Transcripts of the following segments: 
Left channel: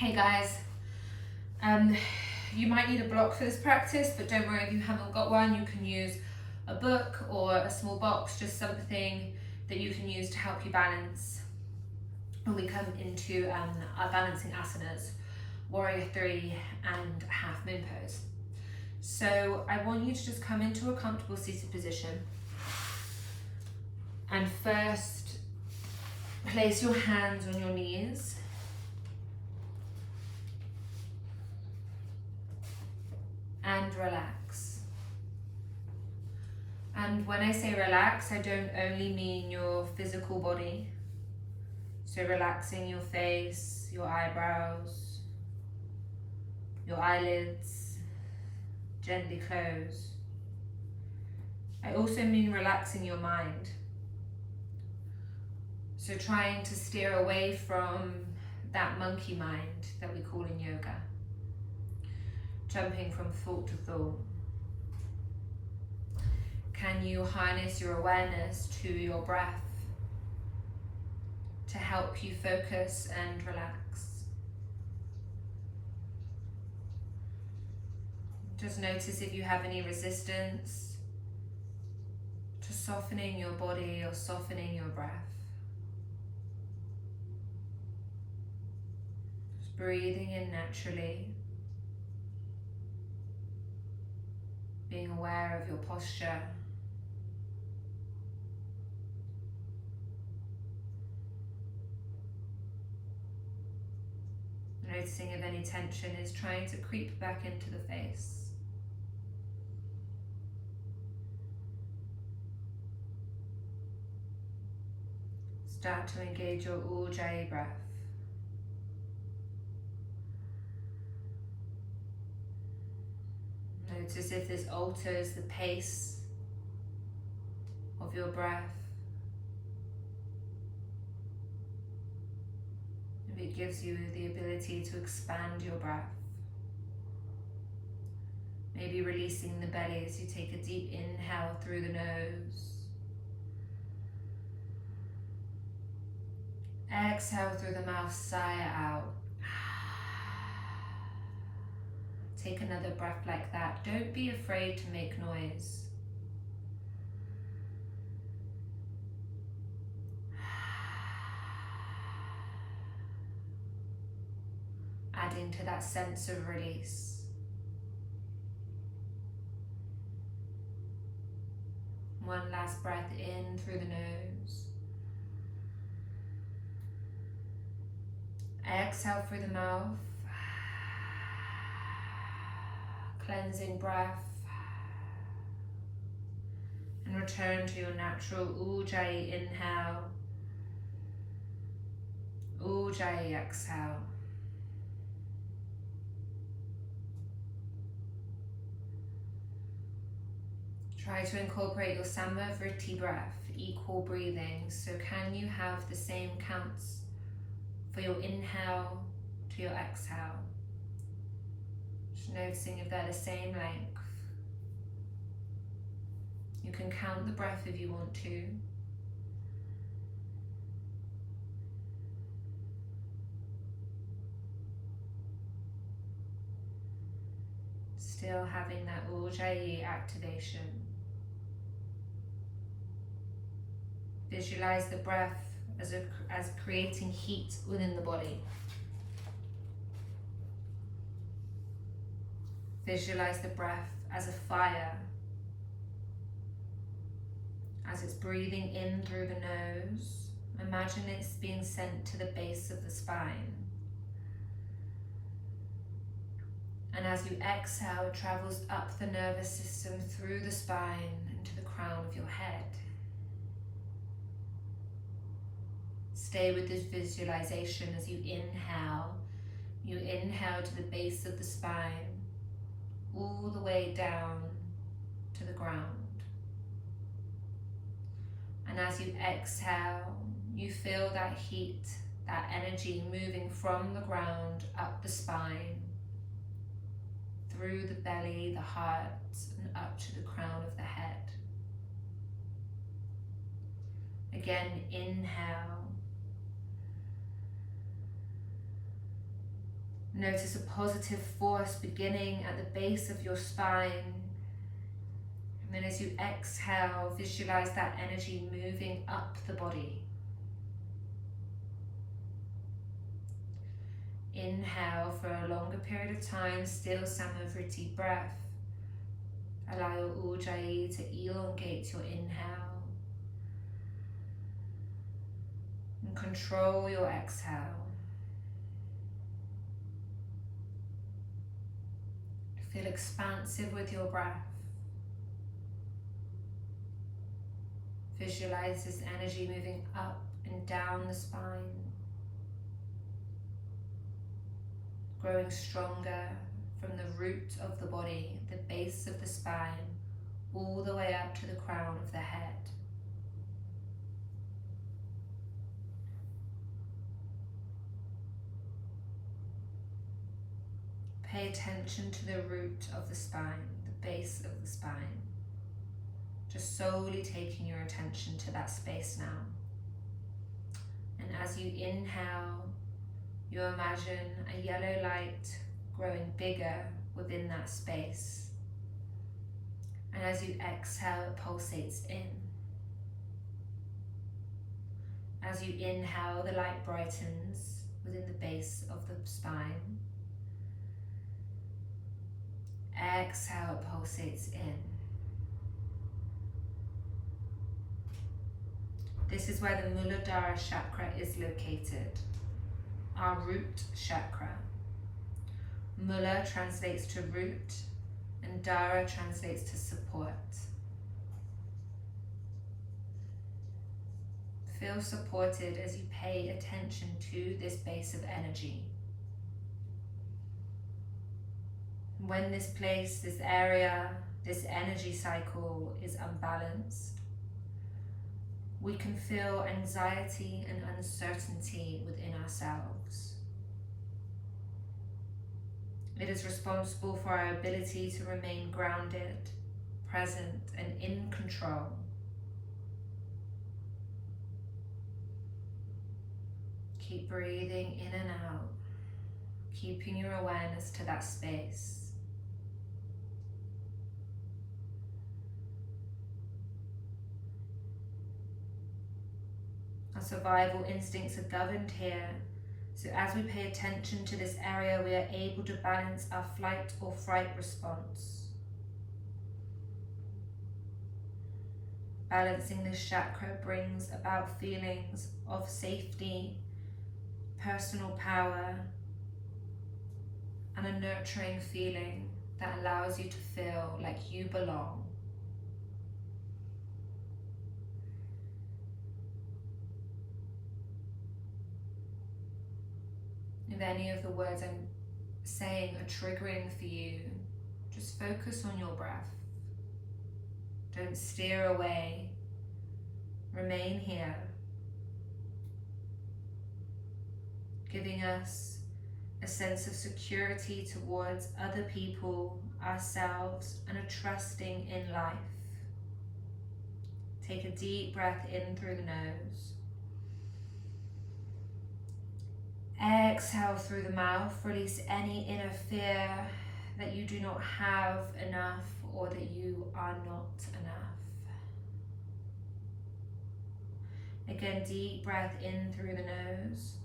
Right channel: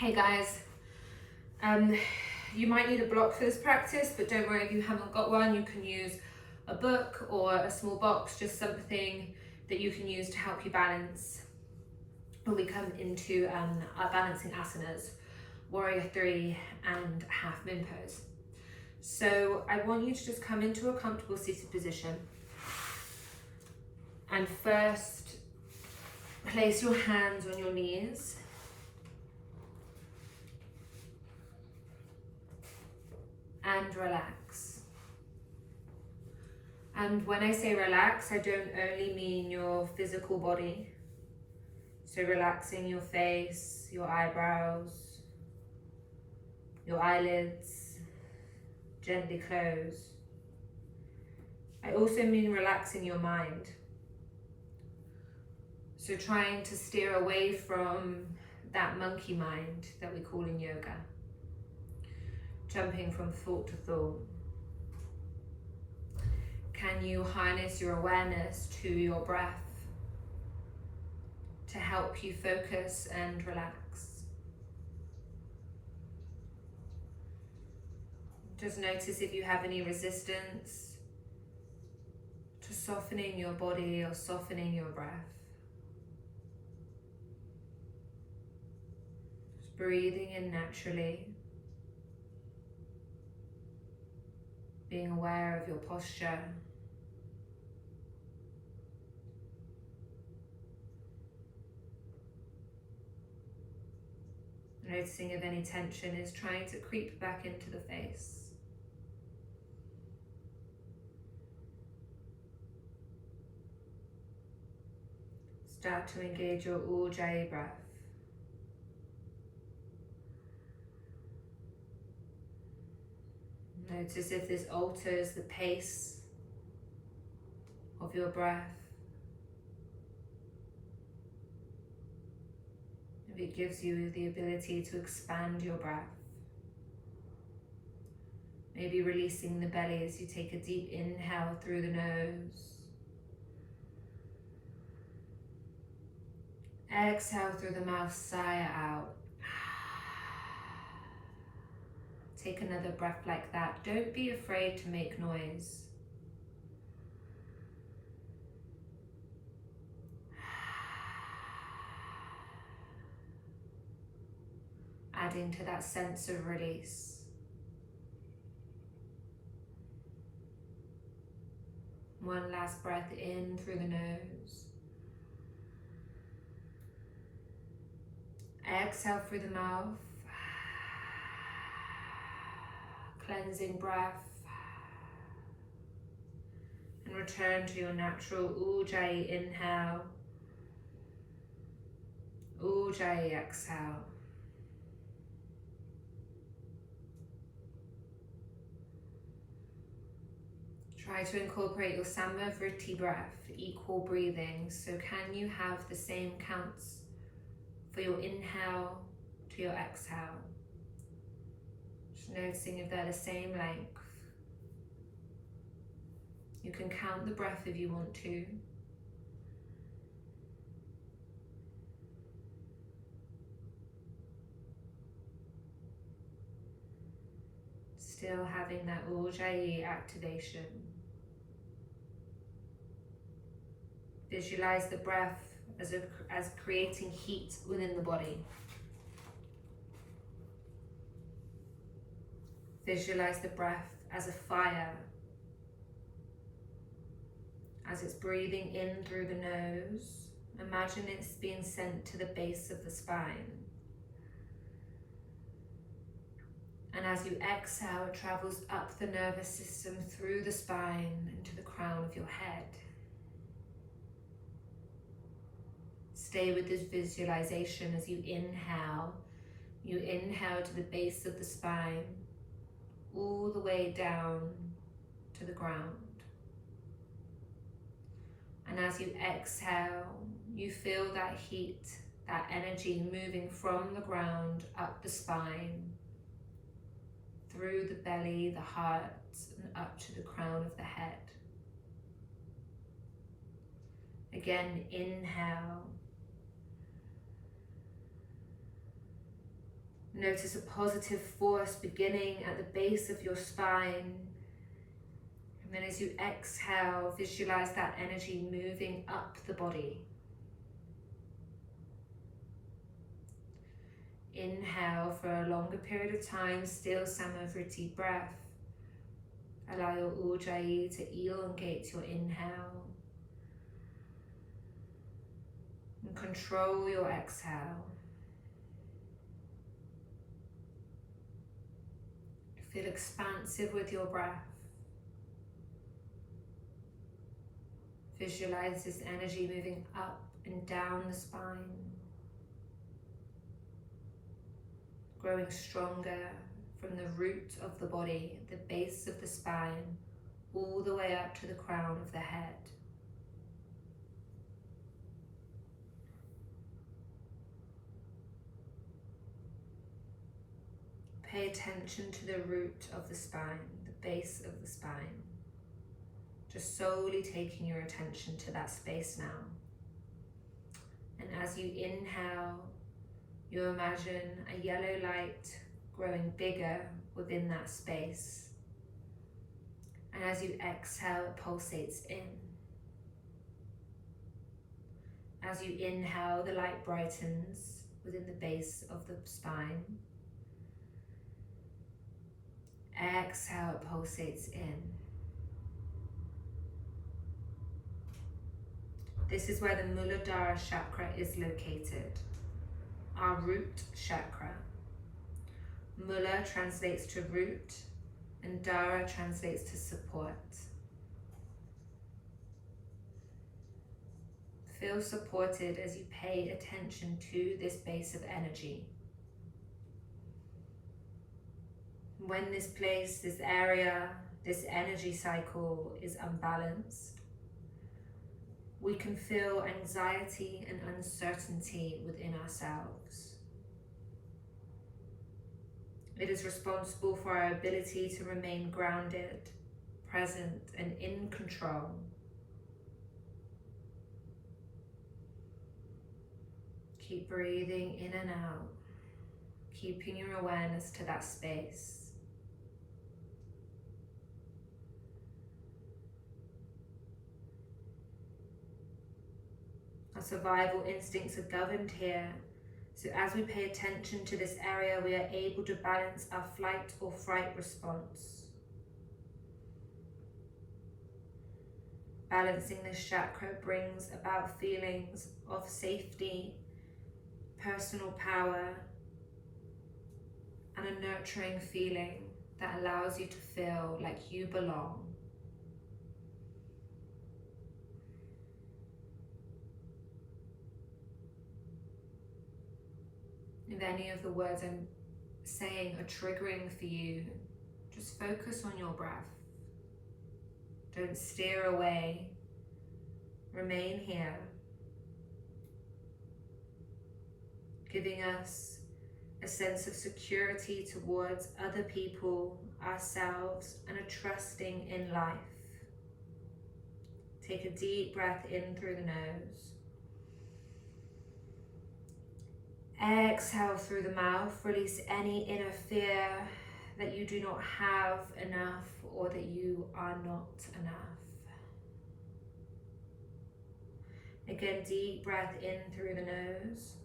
Hey guys, you might need a block for this practice, but don't worry if you haven't got one. You can use a book or a small box, just something that you can use to help you balance when we come into our balancing asanas, warrior 3 and half moon pose. So I want you to just come into a comfortable seated position, and first place your hands on your knees. And relax. And when I say relax, I don't only mean your physical body. So relaxing your face, your eyebrows, your eyelids, gently close. I also mean relaxing your mind. So trying to steer away from that monkey mind that we call in yoga. Jumping from thought to thought. Can you harness your awareness to your breath to help you focus and relax? Just notice if you have any resistance to softening your body or softening your breath. Just breathing in naturally. Being aware of your posture. Noticing if any tension is trying to creep back into the face. Start to engage your Ujjayi breath. Notice if this alters the pace of your breath. If it gives you the ability to expand your breath. Maybe releasing the belly as you take a deep inhale through the nose. Exhale through the mouth, sigh out. Take another breath like that. Don't be afraid to make noise. Adding to that sense of release. One last breath in through the nose. Exhale through the mouth. Cleansing breath, and return to your natural Ujjayi inhale, Ujjayi exhale. Try to incorporate your Samavriti breath, equal breathing. So can you have the same counts for your inhale to your exhale? Noticing if they're the same length. You can count the breath if you want to. Still having that Ujjayi activation. Visualize the breath as creating heat within the body. Visualize the breath as a fire, as it's breathing in through the nose. Imagine it's being sent to the base of the spine. And as you exhale, it travels up the nervous system, through the spine, into the crown of your head. Stay with this visualization as you inhale. You inhale to the base of the spine, all the way down to the ground. And as you exhale, you feel that heat, that energy moving from the ground up the spine, through the belly, the heart, and up to the crown of the head. Again, inhale. Notice a positive force beginning at the base of your spine. And then as you exhale, visualize that energy moving up the body. Inhale for a longer period of time, still Samavriti breath. Allow your Ujjayi to elongate your inhale. And control your exhale. Feel expansive with your breath. Visualize this energy moving up and down the spine, growing stronger from the root of the body, the base of the spine, all the way up to the crown of the head. Pay attention to the root of the spine, the base of the spine. Just solely taking your attention to that space now. And as you inhale, you imagine a yellow light growing bigger within that space. And as you exhale, it pulsates in. As you inhale, the light brightens within the base of the spine. Exhale, it pulsates in. This is where the Muladhara Chakra is located, our root chakra. Mula translates to root and Dhara translates to support. Feel supported as you pay attention to this base of energy. When this place, this area, this energy cycle is unbalanced, we can feel anxiety and uncertainty within ourselves. It is responsible for our ability to remain grounded, present, and in control. Keep breathing in and out, keeping your awareness to that space. Our survival instincts are governed here, so as we pay attention to this area, we are able to balance our flight or fright response. Balancing this chakra brings about feelings of safety, personal power, and a nurturing feeling that allows you to feel like you belong. If any of the words I'm saying are triggering for you, just focus on your breath. Don't steer away. Remain here, giving us a sense of security towards other people, ourselves, and a trusting in life. Take a deep breath in through the nose. Exhale through the mouth. Release any inner fear that you do not have enough or that you are not enough. Again, deep breath in through the nose.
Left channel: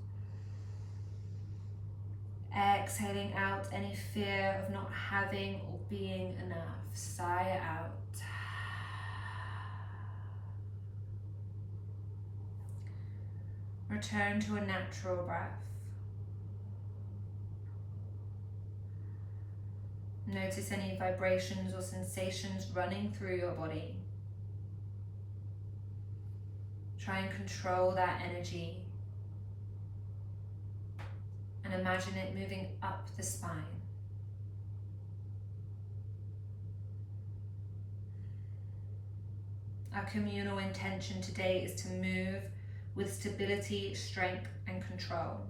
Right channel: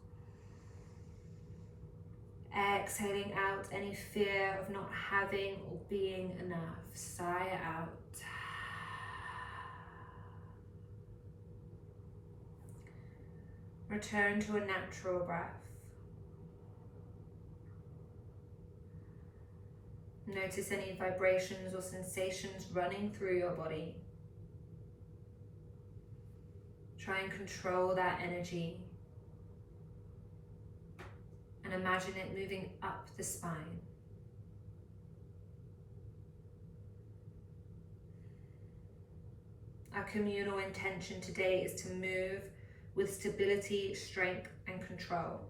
Exhaling out any fear of not having or being enough. Sigh it out. Return to a natural breath. Notice any vibrations or sensations running through your body. Try and control that energy. And imagine it moving up the spine. Our communal intention today is to move with stability, strength, and control.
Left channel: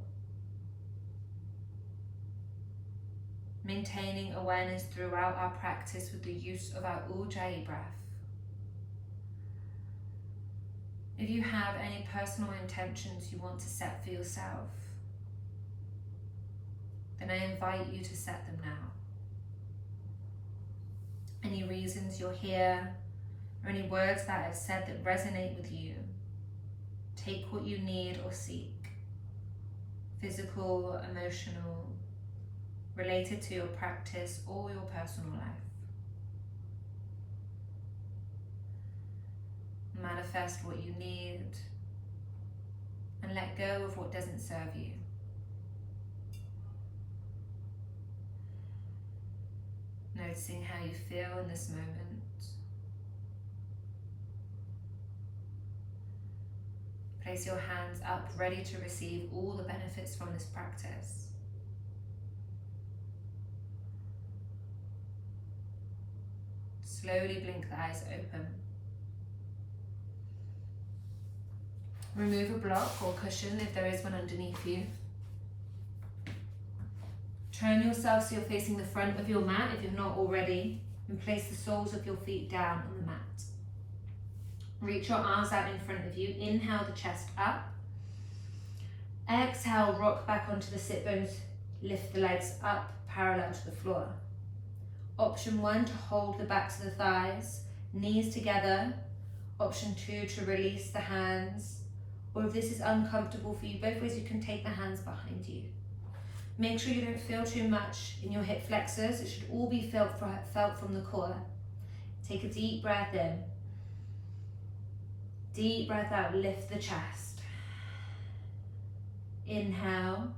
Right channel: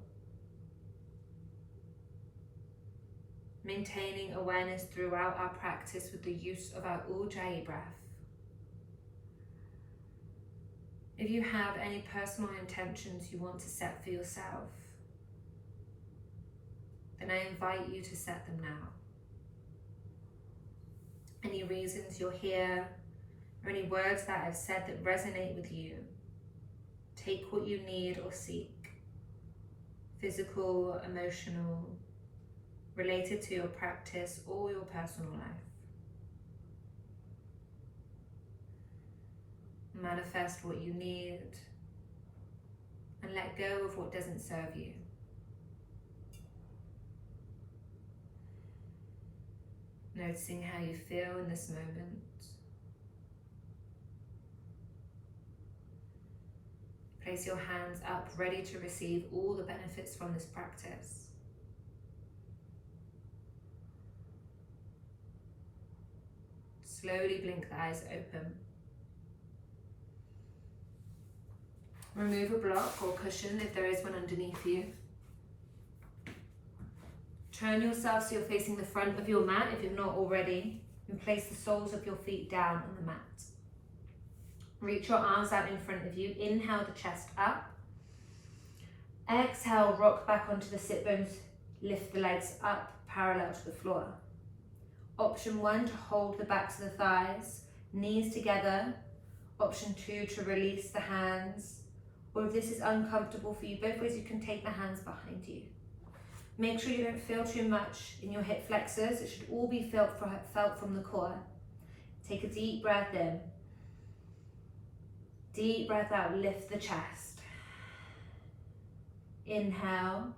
Maintaining awareness throughout our practice with the use of our Ujjayi breath. If you have any personal intentions you want to set for yourself, then I invite you to set them now. Any reasons you're here, or any words that I've said that resonate with you, take what you need or seek, physical, emotional, related to your practice or your personal life. Manifest what you need and let go of what doesn't serve you. Noticing how you feel in this moment. Place your hands up, ready to receive all the benefits from this practice. Slowly blink the eyes open. Remove a block or cushion if there is one underneath you. Turn yourself so you're facing the front of your mat if you're not already, and place the soles of your feet down on the mat. Reach your arms out in front of you. Inhale the chest up. Exhale, rock back onto the sit bones. Lift the legs up parallel to the floor. Option 1, to hold the backs of the thighs, knees together. Option 2, to release the hands. Or if this is uncomfortable for you, both ways you can take the hands behind you. Make sure you don't feel too much in your hip flexors. It should all be felt from the core. Take a deep breath in. Deep breath out, lift the chest. Inhale.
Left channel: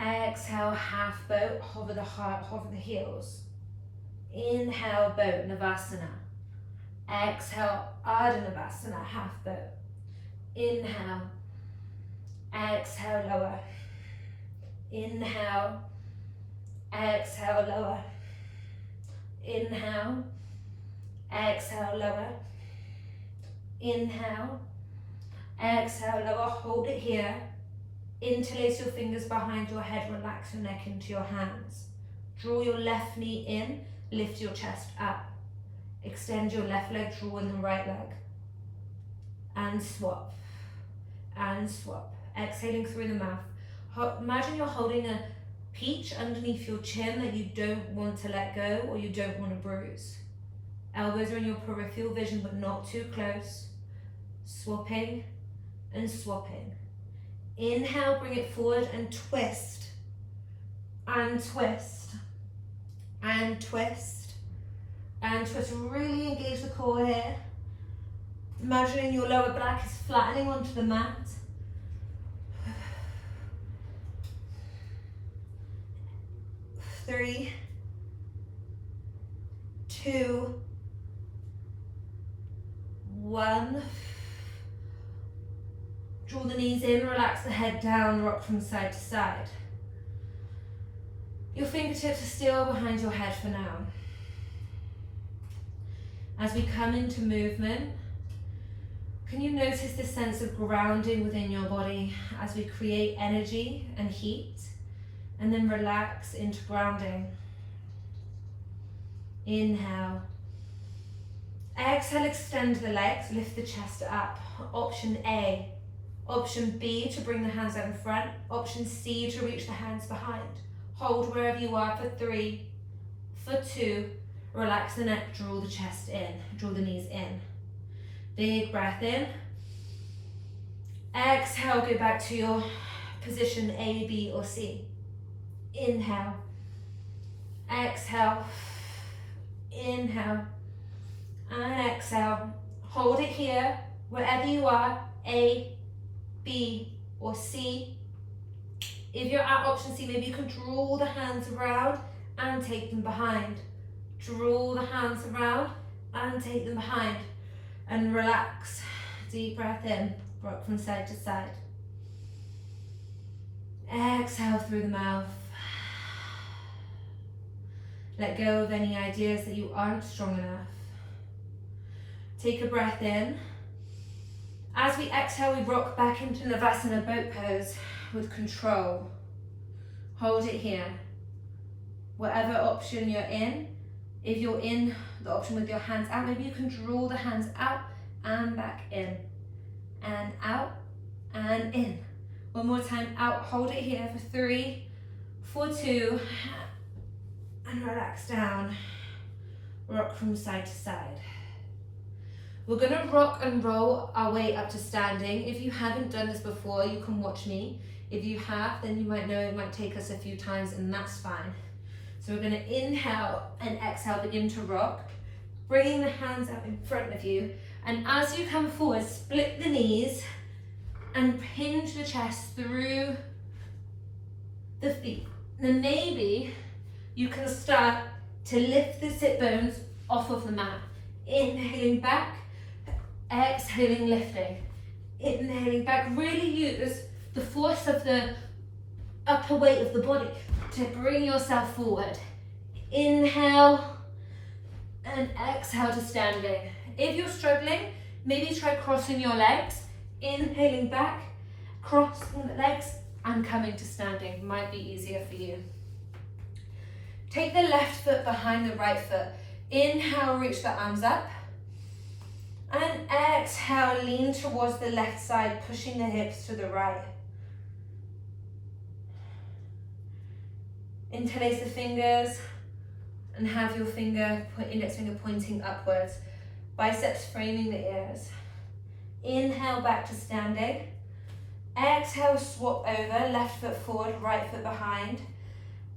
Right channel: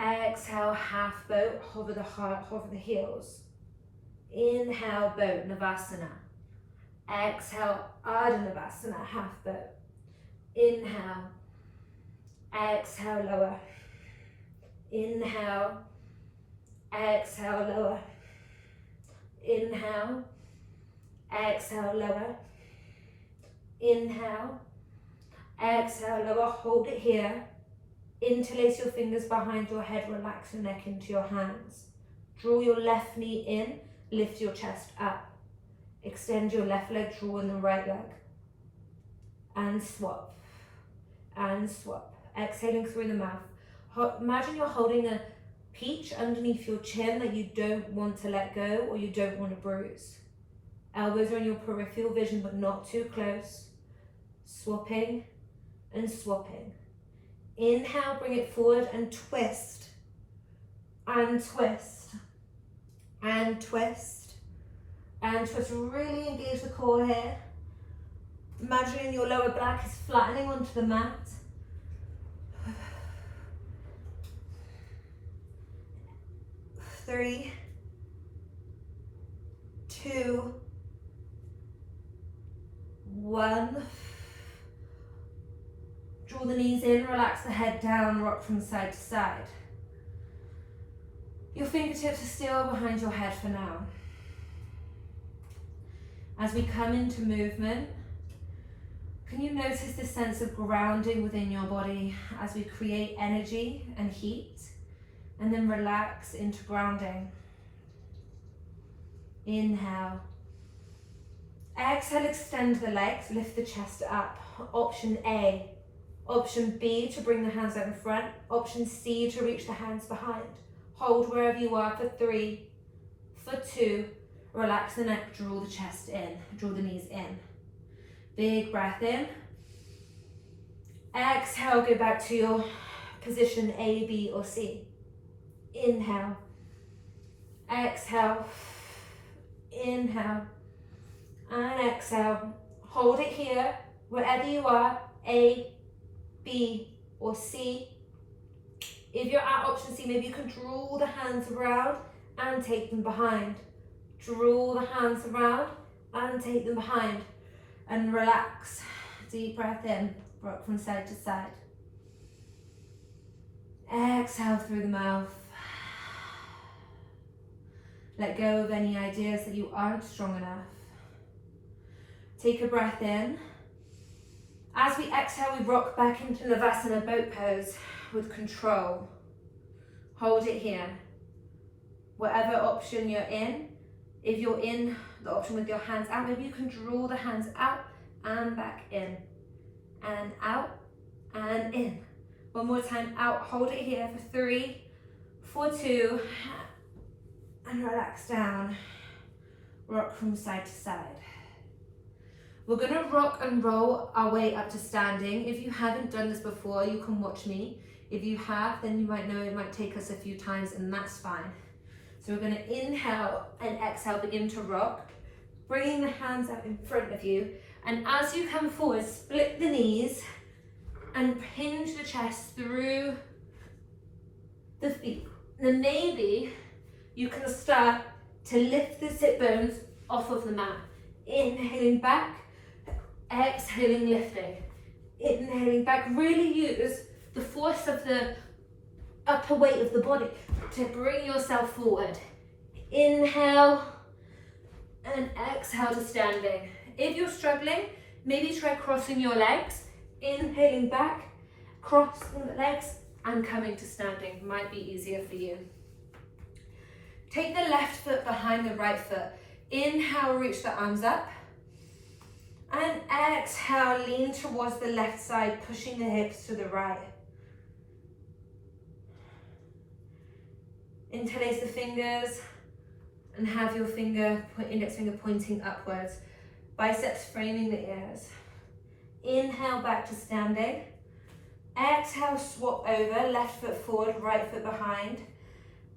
Exhale, half boat, hover the heart, hover the heels. Inhale, boat, Navasana. Exhale, Ardha Navasana, half boat. Inhale. Exhale, lower. Inhale. Exhale, lower. Inhale. Exhale, lower. Inhale. Exhale, lower. Hold it here. Interlace your fingers behind your head. Relax your neck into your hands. Draw your left knee in. Lift your chest up. Extend your left leg. Draw in the right leg. And swap. And swap. Exhaling through the mouth. Imagine you're holding a peach underneath your chin that you don't want to let go or you don't want to bruise. Elbows are in your peripheral vision but not too close. Swapping and swapping. Inhale, bring it forward and twist. And twist. And twist. And twist. Really engage the core here. Imagining your lower back is flattening onto the mat. Three, 2, 1. Draw the knees in, relax the head down, rock from side to side. Your fingertips are still behind your head for now. As we come into movement, can you notice the sense of grounding within your body as we create energy and heat? And then relax into grounding. Inhale. Exhale, extend the legs, lift the chest up. Option A. Option B, to bring the hands out in front. Option C, to reach the hands behind. Hold wherever you are for 3, for 2. Relax the neck, draw the chest in, draw the knees in. Big breath in. Exhale, go back to your position A, B, or C. Inhale. Exhale. Inhale. And exhale. Hold it here, wherever you are, A, B, or C. If you're at option C, maybe you can draw the hands around and take them behind. Draw the hands around and take them behind. And relax. Deep breath in, rock from side to side. Exhale through the mouth. Let go of any ideas that you aren't strong enough. Take a breath in. As we exhale, we rock back into Navasana boat pose with control. Hold it here. Whatever option you're in, if you're in the option with your hands out, maybe you can draw the hands out and back in. And out and in. One more time, out, hold it here for 3, 4, 2, and relax down. Rock from side to side. We're gonna rock and roll our way up to standing. If you haven't done this before, you can watch me. If you have, then you might know it might take us a few times, and that's fine. So we're gonna inhale and exhale, begin to rock, bringing the hands up in front of you. And as you come forward, split the knees and hinge the chest through the feet. Then maybe you can start to lift the sit bones off of the mat. Inhaling back, exhaling, lifting. Inhaling back, really use the force of the upper weight of the body to bring yourself forward. Inhale and exhale to standing. If you're struggling, maybe try crossing your legs. Inhaling back, crossing the legs, and coming to standing. Might be easier for you. Take the left foot behind the right foot. Inhale, reach the arms up. And exhale, lean towards the left side, pushing the hips to the right. Interlace the fingers and have your index finger pointing upwards. Biceps framing the ears. Inhale, back to standing. Exhale, swap over, left foot forward, right foot behind.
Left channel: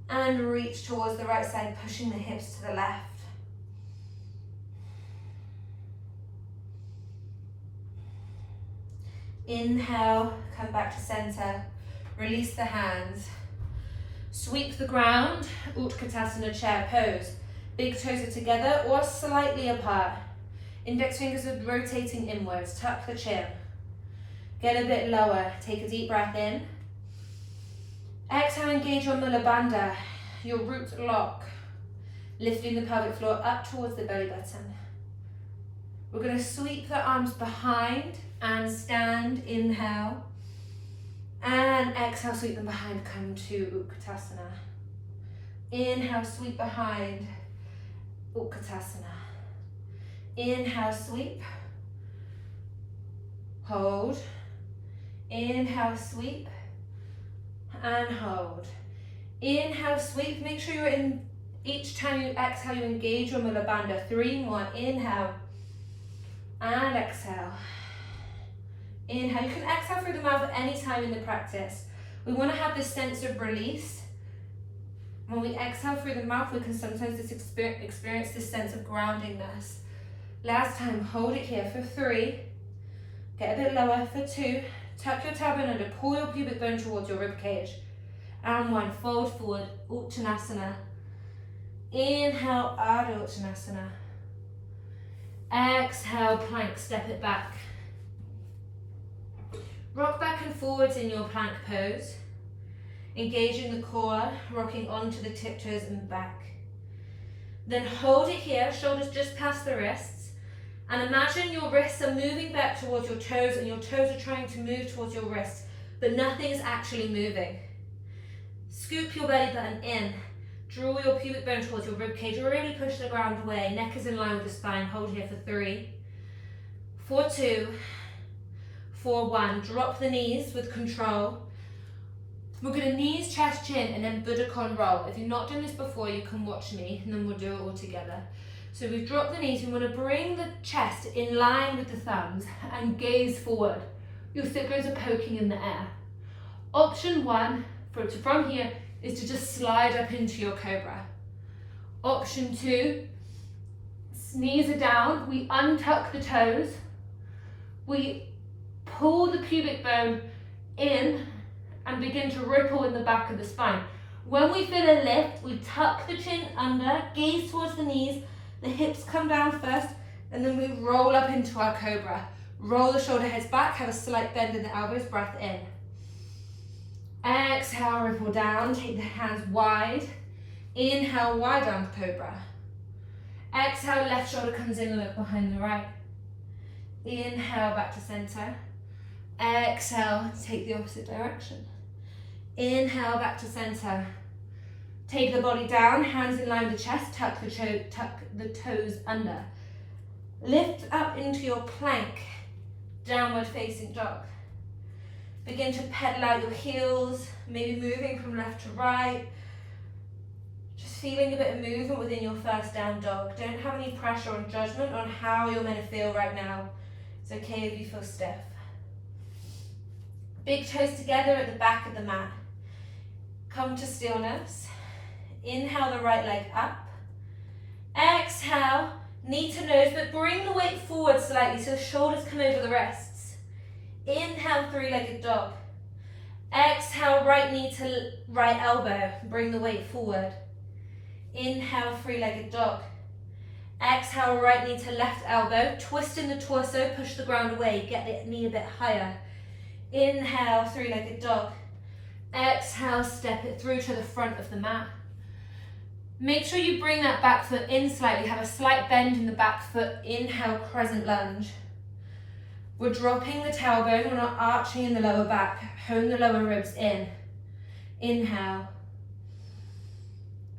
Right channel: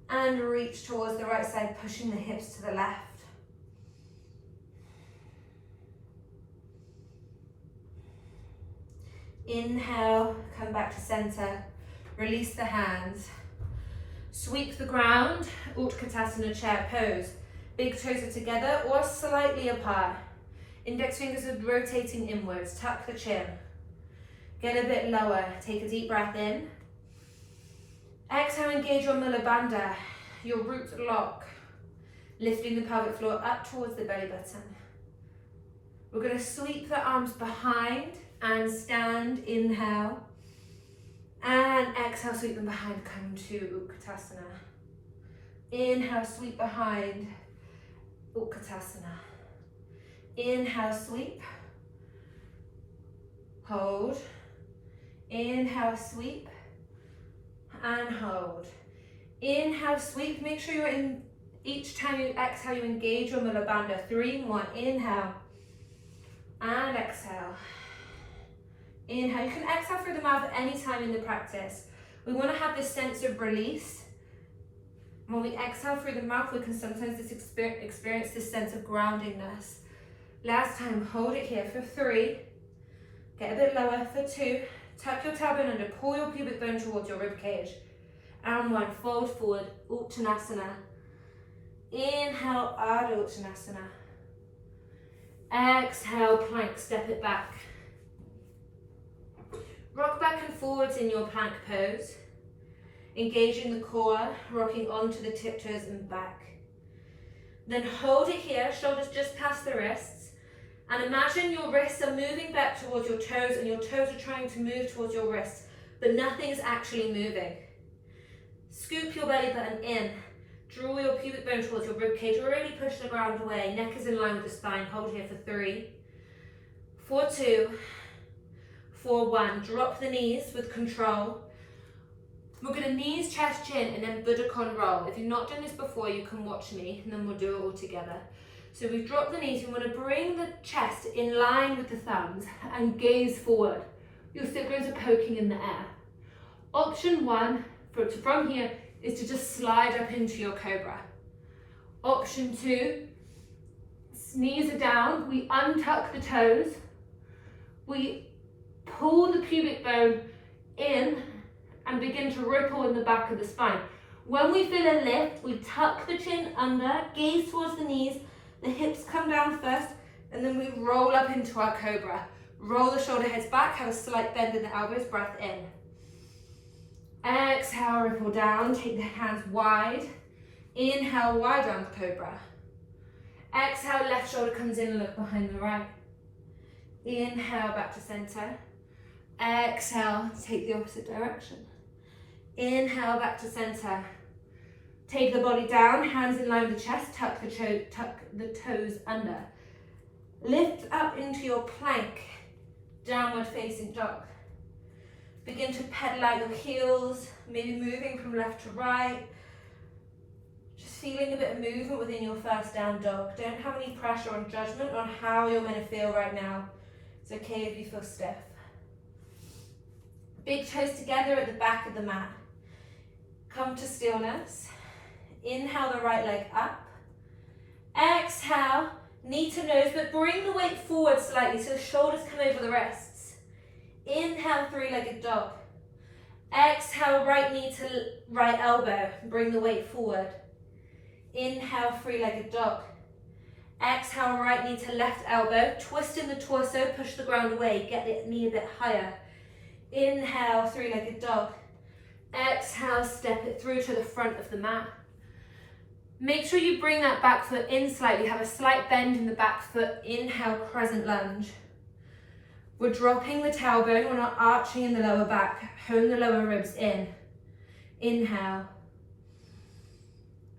And reach towards the right side, pushing the hips to the left. Inhale, come back to center. Release the hands. Sweep the ground, Utkatasana chair pose. Big toes are together or slightly apart. Index fingers are rotating inwards. Tuck the chin. Get a bit lower. Take a deep breath in. Exhale, engage your Muladhara, your root lock. Lifting the pelvic floor up towards the belly button. We're going to sweep the arms behind and stand. Inhale. And exhale, sweep them behind, come to Utkatasana. Inhale, sweep behind, Utkatasana. Inhale, sweep. Hold. Inhale, sweep. And hold. Inhale, sweep. Make sure you're in, each time you exhale, you engage your Muladhara. 3 more. Inhale. And exhale. Inhale. You can exhale through the mouth at any time in the practice. We want to have this sense of release. When we exhale through the mouth, we can sometimes just experience this sense of groundingness. Last time, hold it here for 3. Get a bit lower for 2. Tuck your tailbone under, pull your pubic bone towards your rib cage. And 1, fold forward, Uttanasana. Inhale, Ardha Uttanasana. Exhale, plank, step it back. Rock back and forwards in your plank pose. Engaging the core, rocking onto the tiptoes and back. Then hold it here, shoulders just past the wrists. And imagine your wrists are moving back towards your toes and your toes are trying to move towards your wrists, but nothing is actually moving. Scoop your belly button in. Draw your pubic bone towards your rib cage. Really push the ground away. Neck is in line with the spine. Hold here for 3, 4, 2, 4, 1. Drop the knees with control. We're going to knees, chest, chin, and then Buddha Con roll. If you've not done this before, you can watch me, and then we'll do it all together. So we've dropped the knees. We want to bring the chest in line with the thumbs and gaze forward. Your sit bones are poking in the air. Option 1 from here is to just slide up into your cobra. Option 2, knees are down. We untuck the toes. We pull the pubic bone in and begin to ripple in the back of the spine. When we feel a lift, we tuck the chin under, gaze towards the knees, the hips come down first, and then we roll up into our cobra. Roll the shoulder heads back, have a slight bend in the elbows, breath in. Exhale, ripple down, take the hands wide. Inhale, wide arm cobra. Exhale, left shoulder comes in and look behind the right. Inhale, back to center. Exhale, take the opposite direction. Inhale, back to center. Take the body down, hands in line with the chest, tuck the toes under. Lift up into your plank, downward facing dog. Begin to pedal out your heels, maybe moving from left to right. Just feeling a bit of movement within your first down dog. Don't have any pressure or judgment on how you're meant to feel right now. It's okay if you feel stiff. Big toes together at the back of the mat. Come to stillness. Inhale the right leg up. Exhale, knee to nose, but bring the weight forward slightly so the shoulders come over the wrists. Inhale, three-legged dog. Exhale, right knee to right elbow. Bring the weight forward. Inhale, three-legged dog. Exhale, right knee to left elbow. Twist in the torso, push the ground away. Get the knee a bit higher. Inhale, three-legged dog. Exhale, step it through to the front of the mat. Make sure you bring that back foot in slightly. Have a slight bend in the back foot. Inhale, crescent lunge. We're dropping the tailbone. We're not arching in the lower back. Hone the lower ribs in. Inhale.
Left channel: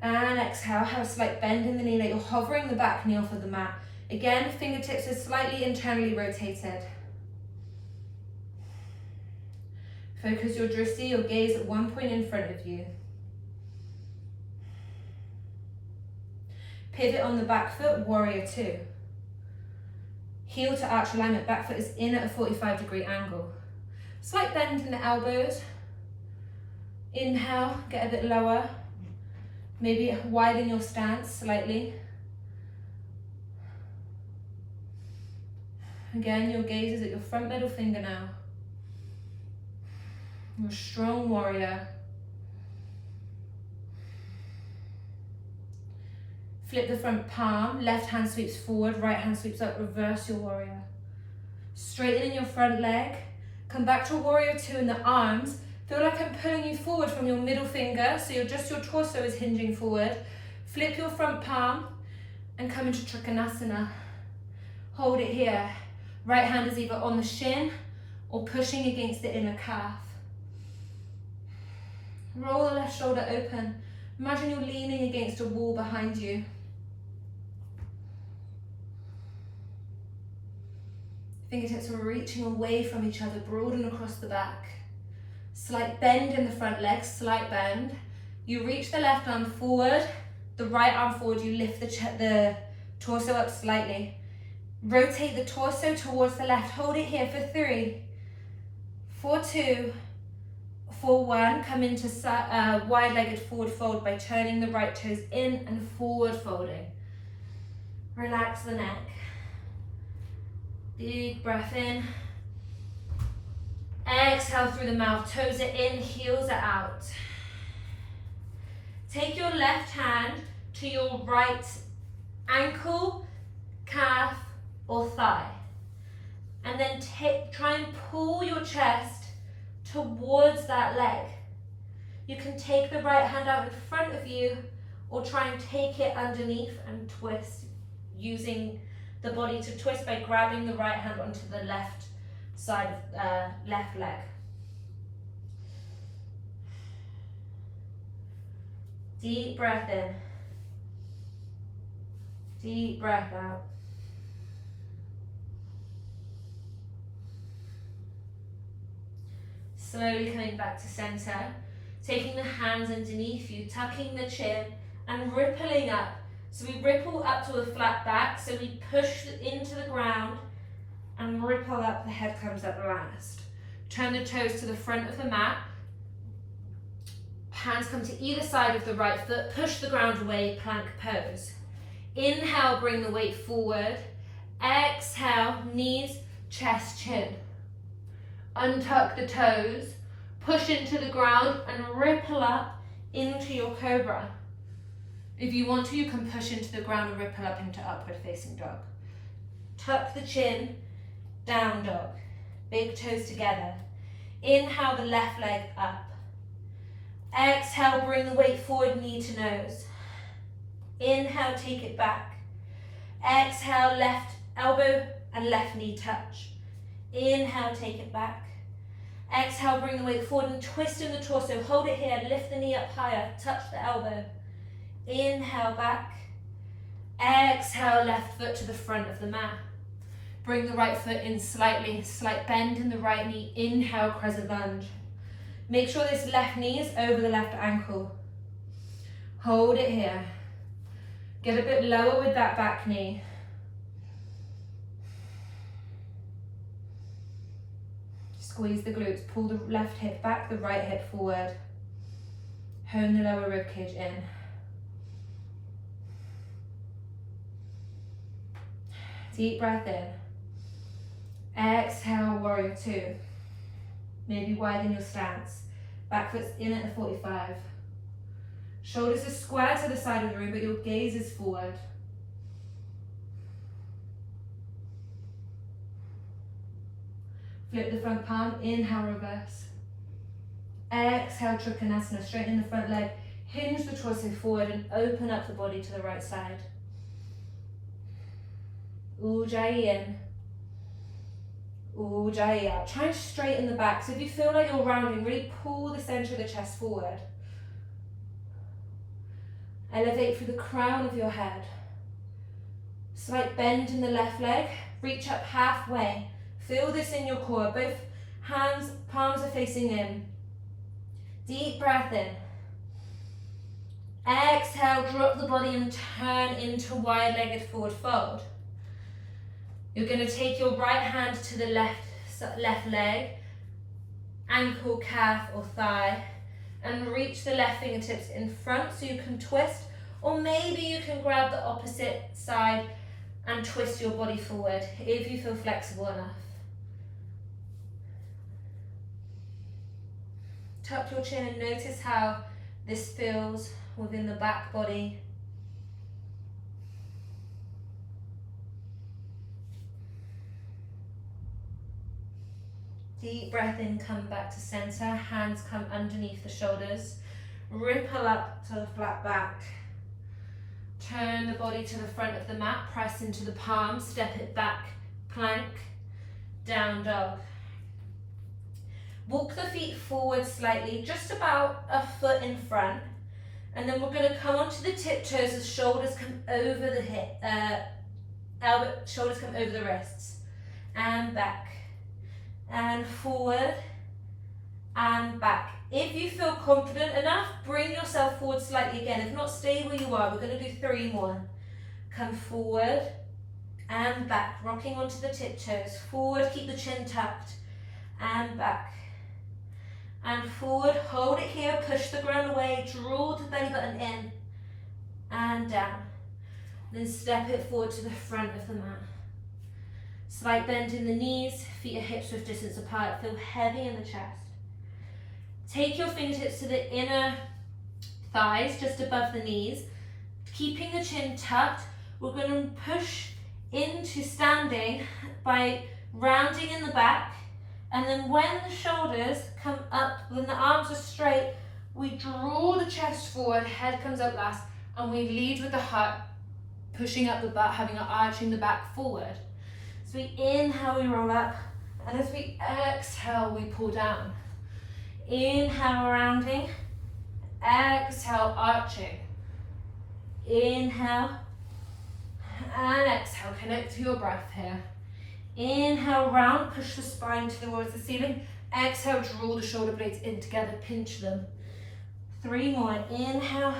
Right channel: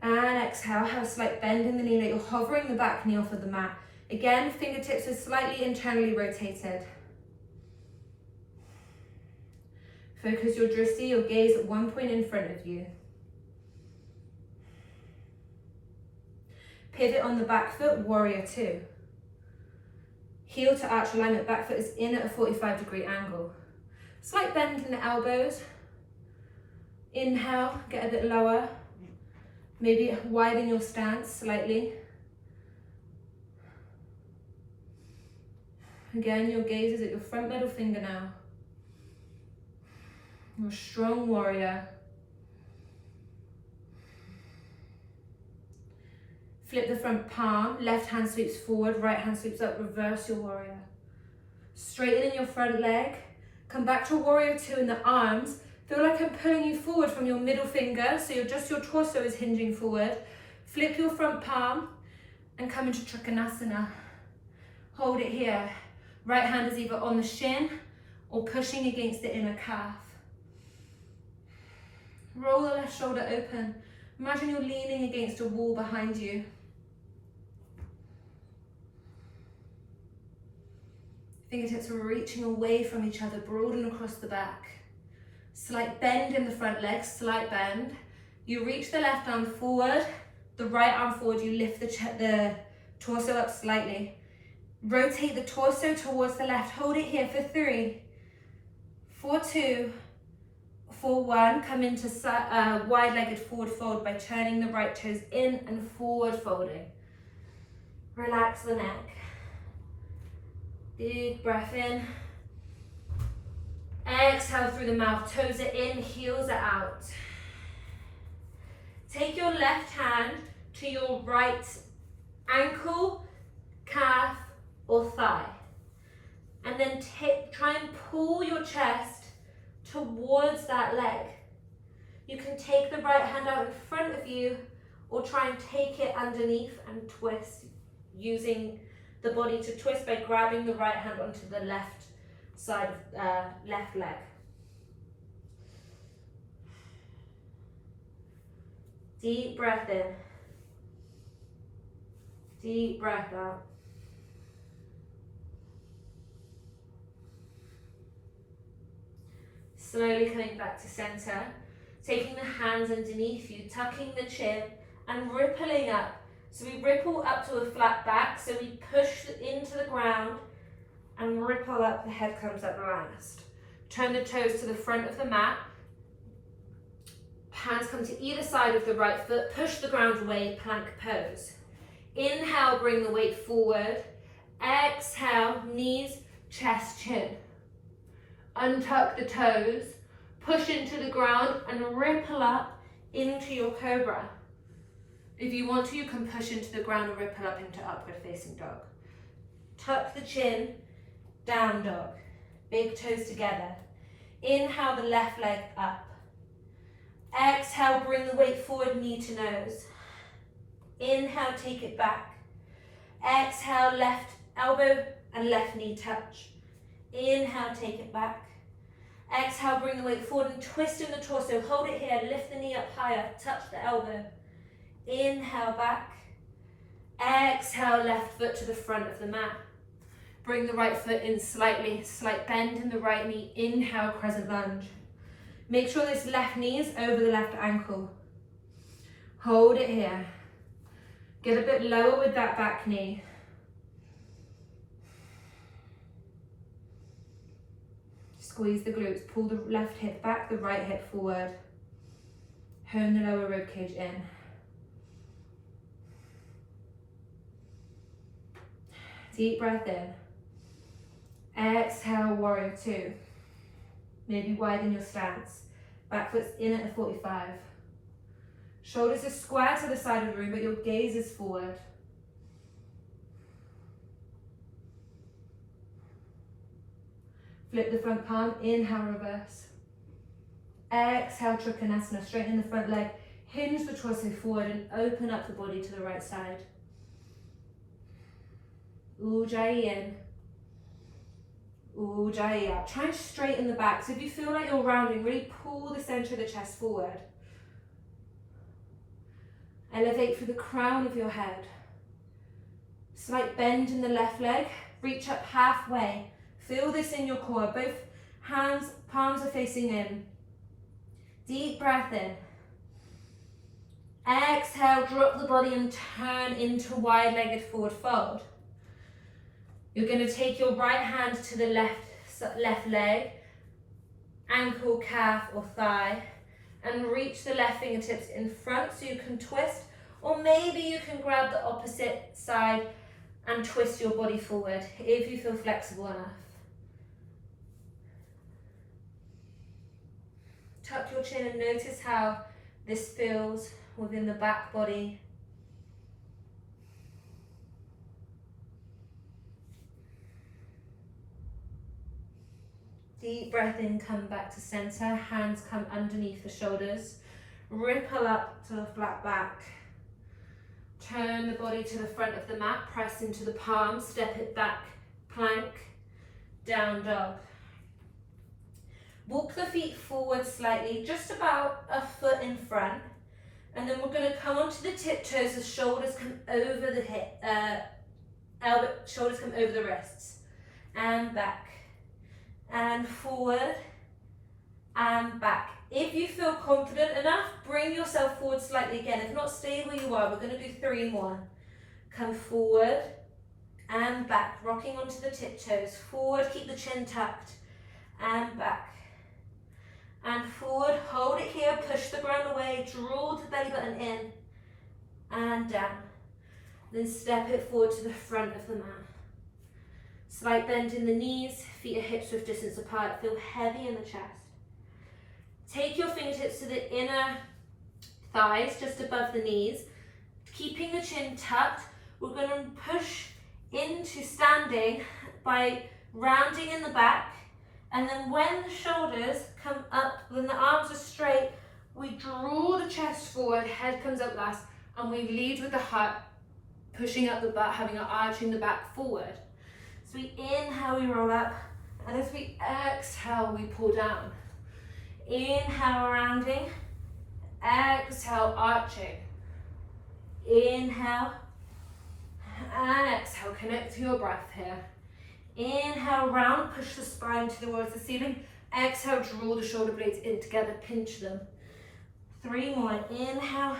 And exhale, have a slight bend in the knee that you're hovering the back knee off of the mat. Again, fingertips are slightly internally rotated. Focus your drishti, your gaze at one point in front of you. Pivot on the back foot, warrior two. Heel to arch alignment, back foot is in at a 45-degree angle. Slight bend in the elbows. Inhale, get a bit lower. Maybe widen your stance slightly. Again, your gaze is at your front middle finger now. You're a strong warrior. Flip the front palm, left hand sweeps forward, right hand sweeps up, reverse your warrior. Straighten in your front leg. Come back to warrior two in the arms. Feel like I'm pulling you forward from your middle finger, so your torso is hinging forward. Flip your front palm and come into Trikonasana. Hold it here. Right hand is either on the shin or pushing against the inner calf. Roll the left shoulder open. Imagine you're leaning against a wall behind you. Fingertips are reaching away from each other, broaden across the back. Slight bend in the front leg, slight bend. You reach the left arm forward, the right arm forward, you lift the torso up slightly. Rotate the torso towards the left, hold it here for 3, for 2, for 1. Come into wide-legged forward fold by turning the right toes in and forward folding. Relax the neck. Big breath in. Exhale through the mouth, toes are in, heels are out. Take your left hand to your right ankle, calf, or thigh. And then try and pull your chest towards that leg. You can take the right hand out in front of you or try and take it underneath and twist, using the body to twist by grabbing the right hand onto the left side of left leg. Deep breath in. Deep breath out. Slowly coming back to center, taking the hands underneath you, tucking the chin and rippling up. So we ripple up to a flat back, so we push into the ground and ripple up, the head comes up last. Turn the toes to the front of the mat. Hands come to either side of the right foot, push the ground away, plank pose. Inhale, bring the weight forward. Exhale, knees, chest, chin. Untuck the toes, push into the ground and ripple up into your cobra. If you want to, you can push into the ground and ripple up into upward facing dog. Tuck the chin, down dog. Big toes together. Inhale the left leg up. Exhale, bring the weight forward, knee to nose. Inhale, take it back. Exhale, left elbow and left knee touch. Inhale, take it back. Exhale, bring the weight forward and twist in the torso. Hold it here, lift the knee up higher, touch the elbow. Inhale, back. Exhale, left foot to the front of the mat. Bring the right foot in slightly, slight bend in the right knee. Inhale, crescent lunge. Make sure this left knee is over the left ankle. Hold it here. Get a bit lower with that back knee. Squeeze the glutes. Pull the left hip back, the right hip forward. Hone the lower rib cage in. Deep breath in. Exhale, warrior two. Maybe widen your stance. Back foot's in at the 45. Shoulders are square to the side of the room, but your gaze is forward. Flip the front palm, inhale, reverse. Exhale, Trikonasana, straighten the front leg. Hinge the torso forward and open up the body to the right side. Ujjayi in. Ujjayi out. Try and straighten the back. So if you feel like you're rounding, really pull the center of the chest forward. Elevate through the crown of your head. Slight bend in the left leg. Reach up halfway. Feel this in your core. Both hands, palms are facing in. Deep breath in. Exhale, drop the body and turn into wide-legged forward fold. You're going to take your right hand to the left leg, ankle, calf or thigh, and reach the left fingertips in front so you can twist, or maybe you can grab the opposite side and twist your body forward if you feel flexible enough. Tuck your chin and notice how this feels within the back body. Deep breath in, come back to center. Hands come underneath the shoulders. Ripple up to the flat back. Turn the body to the front of the mat. Press into the palms. Step it back. Plank. Down dog. Walk the feet forward slightly, just about a foot in front. And then we're going to come onto the tiptoes as shoulders come over the hip, shoulders come over the wrists. And back. And forward. And back. If you feel confident enough, bring yourself forward slightly again. If not, stay where you are. We're going to do 3 more. Come forward and back. Rocking onto the tiptoes. Forward, keep the chin tucked. And back. And forward, hold it here, push the ground away, draw the belly button in and down. Then step it forward to the front of the mat. Slight bend in the knees, feet are hips width distance apart, feel heavy in the chest. Take your fingertips to the inner thighs, just above the knees. Keeping the chin tucked, we're going to push into standing by rounding in the back. And then when the shoulders come up, when the arms are straight, we draw the chest forward, head comes up last, and we lead with the heart, pushing up the butt, having an arching the back forward. So we inhale, we roll up, and as we exhale, we pull down. Inhale, rounding, exhale, arching. Inhale, and exhale, connect to your breath here. Inhale, round, push the spine towards the ceiling. Exhale, draw the shoulder blades in together, pinch them. 3 more, inhale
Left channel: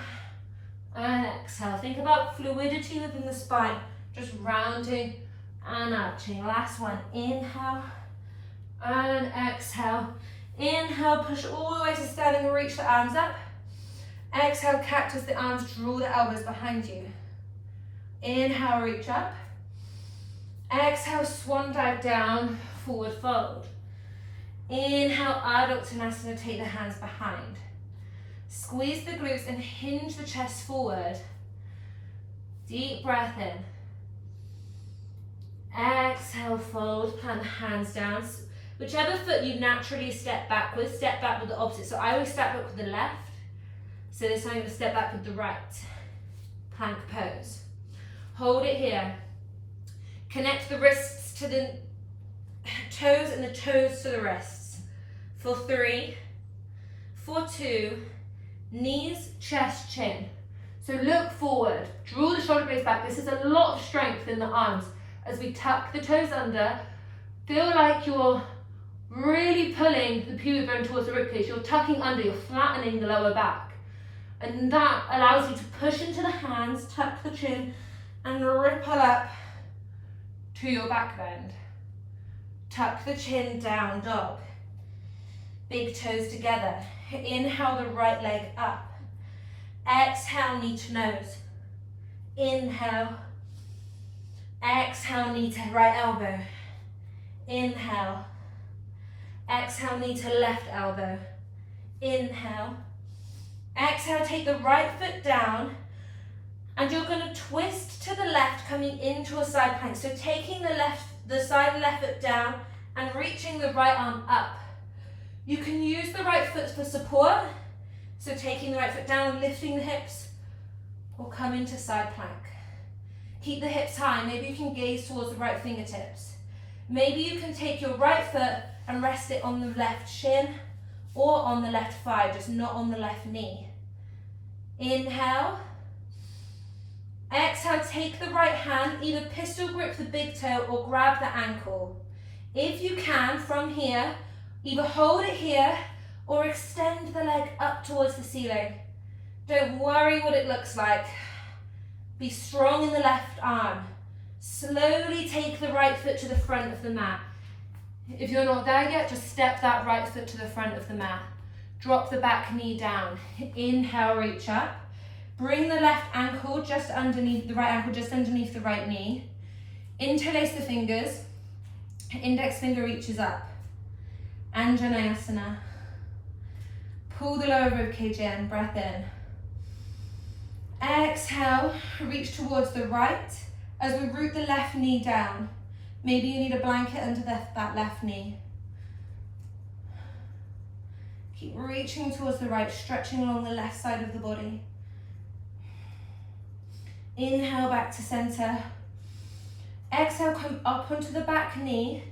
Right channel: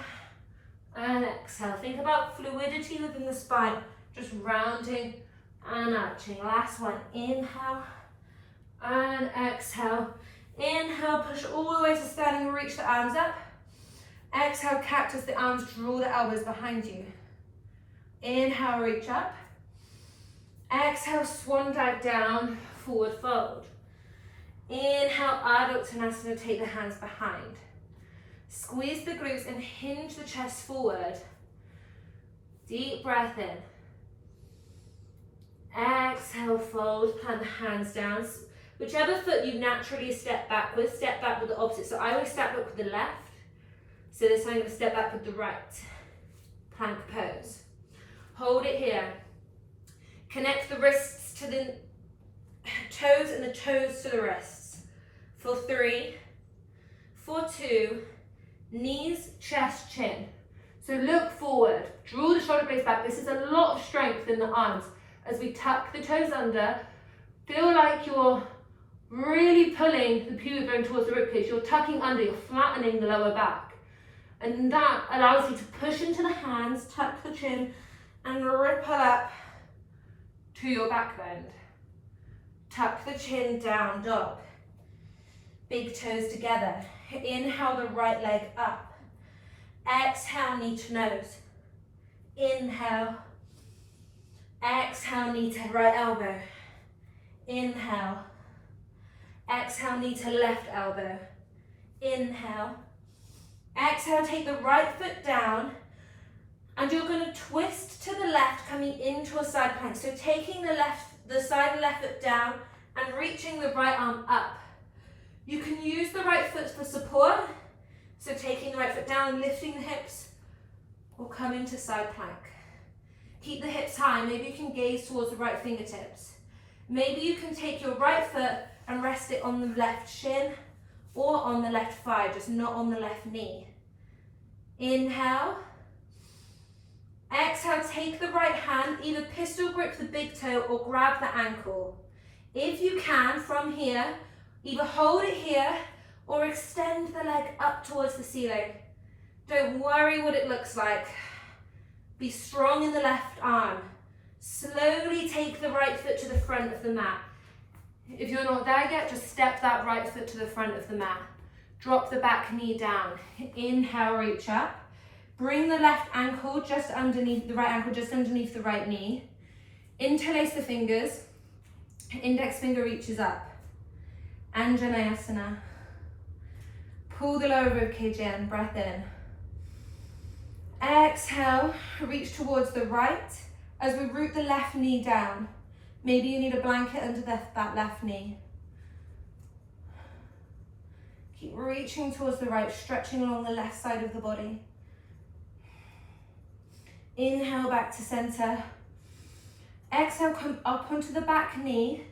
and exhale. Think about fluidity within the spine, just rounding and arching. Last one, inhale and exhale. Inhale, push all the way to standing, reach the arms up. Exhale, cactus the arms, draw the elbows behind you. Inhale, reach up. Exhale, swan dive down, forward fold. Inhale, Ardha Uttanasana, take the hands behind. Squeeze the glutes and hinge the chest forward. Deep breath in. Exhale, fold, plant the hands down. Whichever foot you naturally step back with the opposite. So I always step back with the left. So this time I'm going to step back with the right. Plank pose. Hold it here. Connect the wrists to the toes and the toes to the wrists. For 3, for 2, knees, chest, chin. So look forward, draw the shoulder blades back. This is a lot of strength in the arms, as we tuck the toes under. Feel like you're really pulling the pubic bone towards the ribcage. You're tucking under, you're flattening the lower back. And that allows you to push into the hands, tuck the chin, and ripple up to your back bend. Tuck the chin down, dog. Big toes together. Inhale the right leg up. Exhale, knee to nose. Inhale. Exhale, knee to right elbow. Inhale. Exhale, knee to left elbow. Inhale. Exhale, take the right foot down, and you're going to twist to the left, coming into a side plank. So taking the side of the left foot down and reaching the right arm up. You can use the right foot for support. So taking the right foot down, lifting the hips, or come into side plank. Keep the hips high. Maybe you can gaze towards the right fingertips. Maybe you can take your right foot and rest it on the left shin or on the left thigh, just not on the left knee. Inhale. Exhale, take the right hand, either pistol grip the big toe or grab the ankle. If you can, from here, either hold it here or extend the leg up towards the ceiling. Don't worry what it looks like. Be strong in the left arm. Slowly take the right foot to the front of the mat. If you're not there yet, just step that right foot to the front of the mat. Drop the back knee down. Inhale, reach up. Bring the left ankle just underneath, the right ankle just underneath the right knee. Interlace the fingers. Index finger reaches up. Anjaneyasana. Pull the lower ribcage in, breath in. Exhale, reach towards the right as we root the left knee down. Maybe you need a blanket under that left knee. Keep reaching towards the right, stretching along the left side of the body. Inhale back to center. Exhale, come up onto the back knee.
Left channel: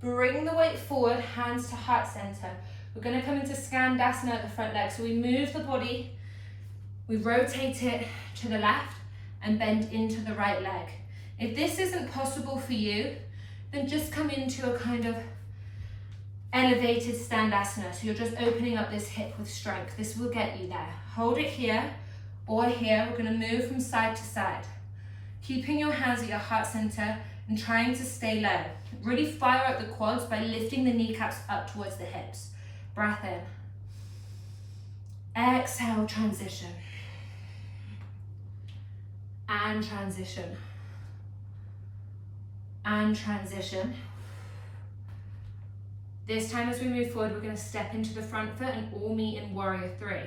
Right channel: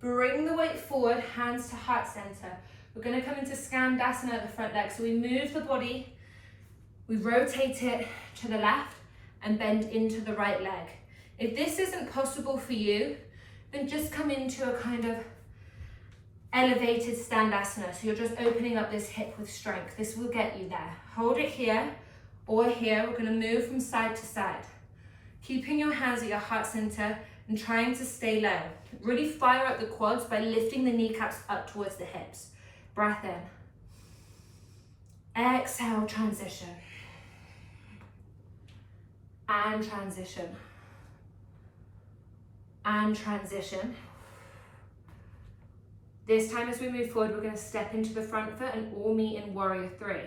Bring the weight forward, hands to heart center. We're going to come into Skandasana at the front leg. So we move the body, we rotate it to the left and bend into the right leg. If this isn't possible for you, then just come into a kind of elevated Skandasana. So you're just opening up this hip with strength. This will get you there. Hold it here or here. We're going to move from side to side. Keeping your hands at your heart center and trying to stay low. Really fire up the quads by lifting the kneecaps up towards the hips. Breath in. Exhale, transition. And transition. And transition. This time as we move forward, we're going to step into the front foot and all meet in warrior three.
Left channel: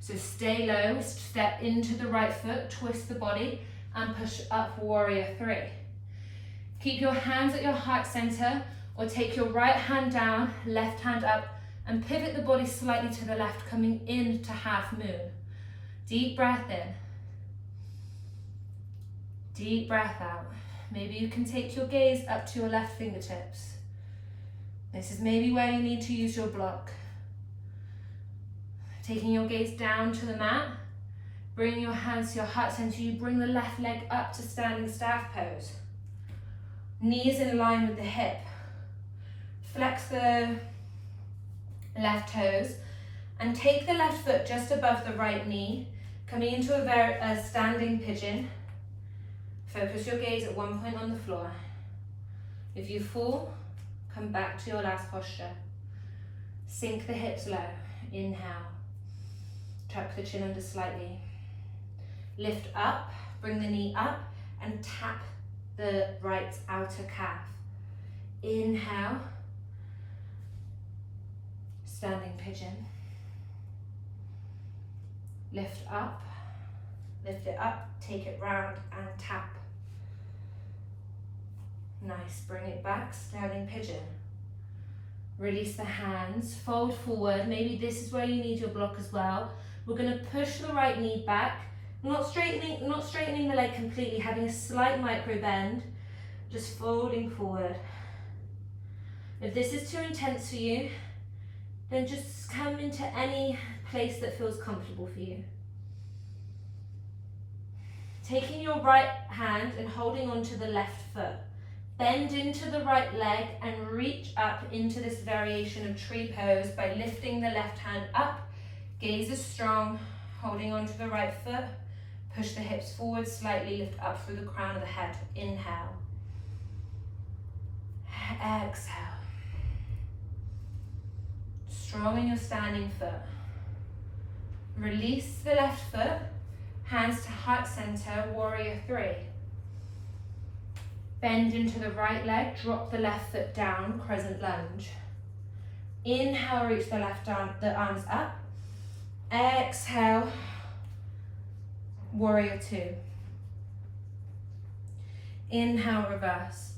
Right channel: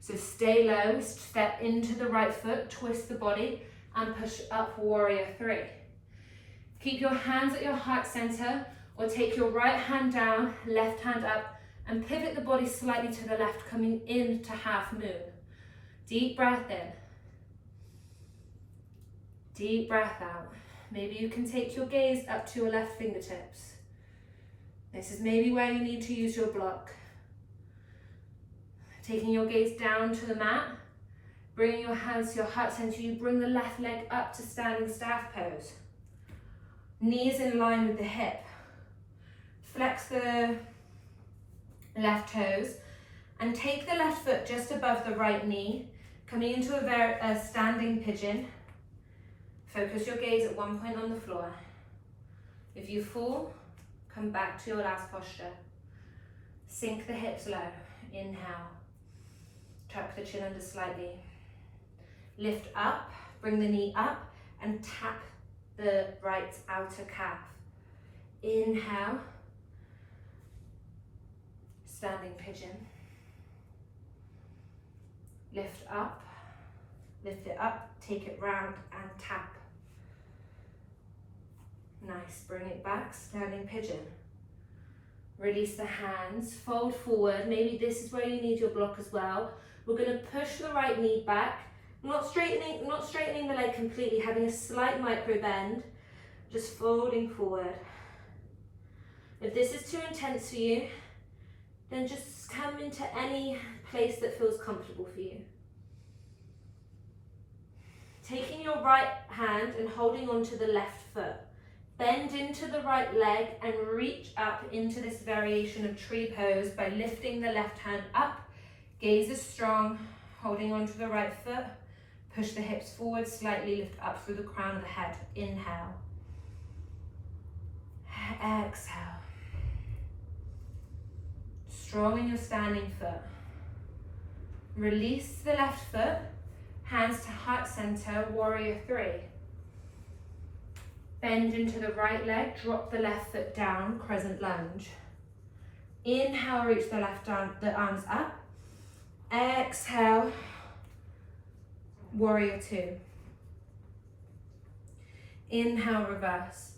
So stay low, step into the right foot, twist the body and push up warrior three. Keep your hands at your heart center or take your right hand down, left hand up and pivot the body slightly to the left, coming into half moon. Deep breath in. Deep breath out. Maybe you can take your gaze up to your left fingertips. This is maybe where you need to use your block. Taking your gaze down to the mat, bring your hands to your heart center. You bring the left leg up to standing staff pose. Knees in line with the hip. Flex the left toes and take the left foot just above the right knee, coming into a standing pigeon. Focus your gaze at one point on the floor. If you fall, come back to your last posture. Sink the hips low. Inhale. Tuck the chin under slightly. Lift up, bring the knee up and tap the right outer calf. Inhale. Standing pigeon. Lift up, lift it up, take it round and tap. Nice, bring it back, standing pigeon. Release the hands, fold forward. Maybe this is where you need your block as well. We're going to push the right knee back, not straightening the leg completely, having a slight micro bend, just folding forward. If this is too intense for you, then just come into any place that feels comfortable for you. Taking your right hand and holding onto the left foot. Bend into the right leg and reach up into this variation of tree pose by lifting the left hand up. Gaze is strong, holding onto the right foot. Push the hips forward slightly, lift up through the crown of the head. Inhale. Exhale. Strong in your standing foot. Release the left foot, hands to heart center, warrior three. Bend into the right leg, drop the left foot down, crescent lunge. Inhale, reach the the arms up. Exhale, warrior two. Inhale, reverse.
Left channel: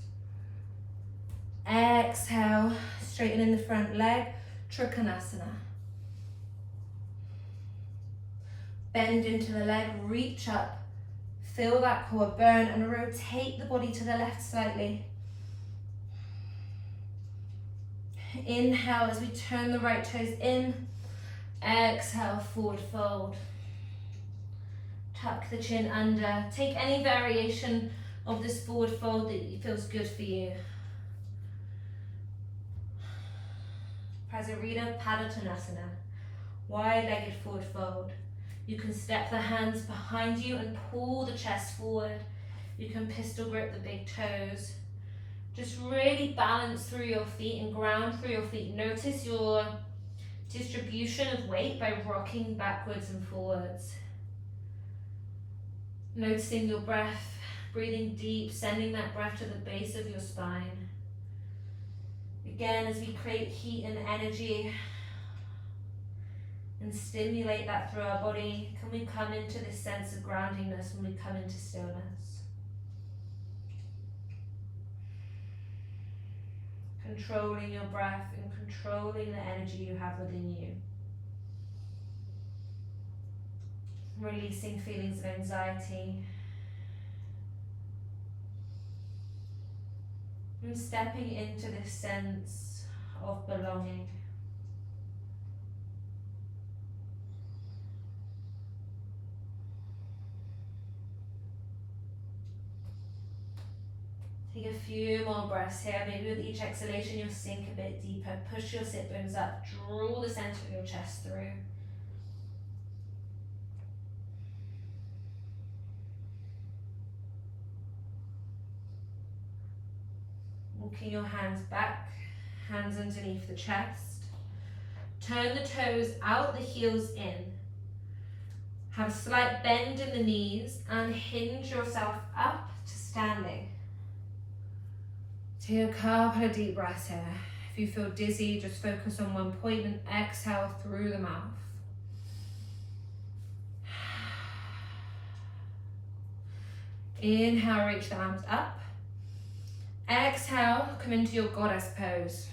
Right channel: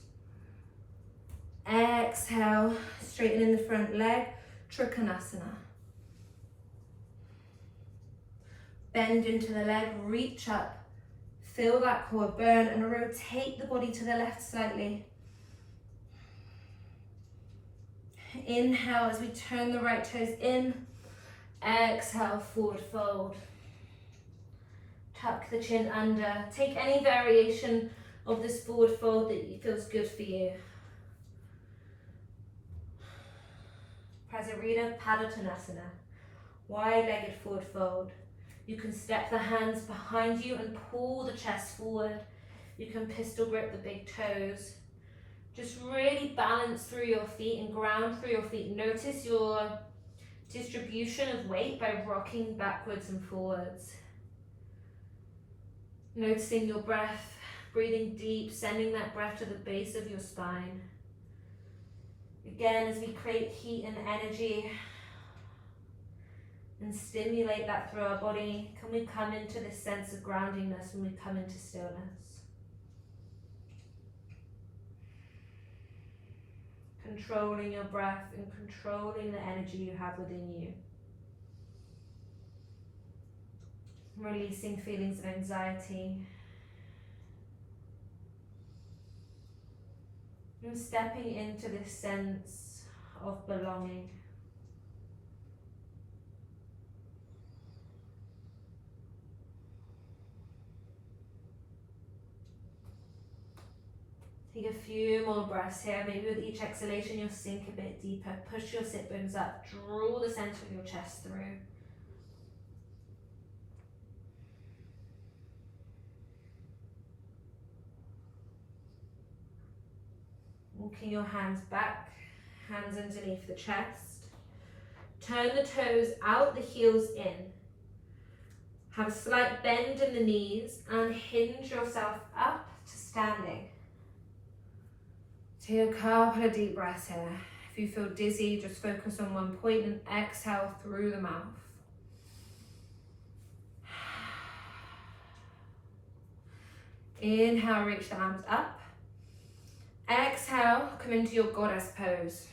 Exhale, straighten in the front leg, Trikonasana. Bend into the leg, reach up, feel that core burn and rotate the body to the left slightly. Inhale as we turn the right toes in. Exhale, forward fold. Tuck the chin under. Take any variation of this forward fold that feels good for you. Prasarita Padottanasana, wide-legged forward fold. You can step the hands behind you and pull the chest forward. You can pistol grip the big toes. Just really balance through your feet and ground through your feet. Notice your distribution of weight by rocking backwards and forwards. Noticing your breath, breathing deep, sending that breath to the base of your spine. Again, as we create heat and energy and stimulate that through our body, can we come into this sense of groundingness when we come into stillness? Controlling your breath and controlling the energy you have within you. Releasing feelings of anxiety. And stepping into this sense of belonging. Take a few more breaths here. Maybe with each exhalation you'll sink a bit deeper. Push your sit bones up. Draw the center of your chest through. Walking your hands back, hands underneath the chest. Turn the toes out, the heels in. Have a slight bend in the knees and hinge yourself up to standing. Take a couple of deep breaths here. If you feel dizzy, just focus on one point and exhale through the mouth. Inhale, reach the arms up. Exhale, come into your goddess pose.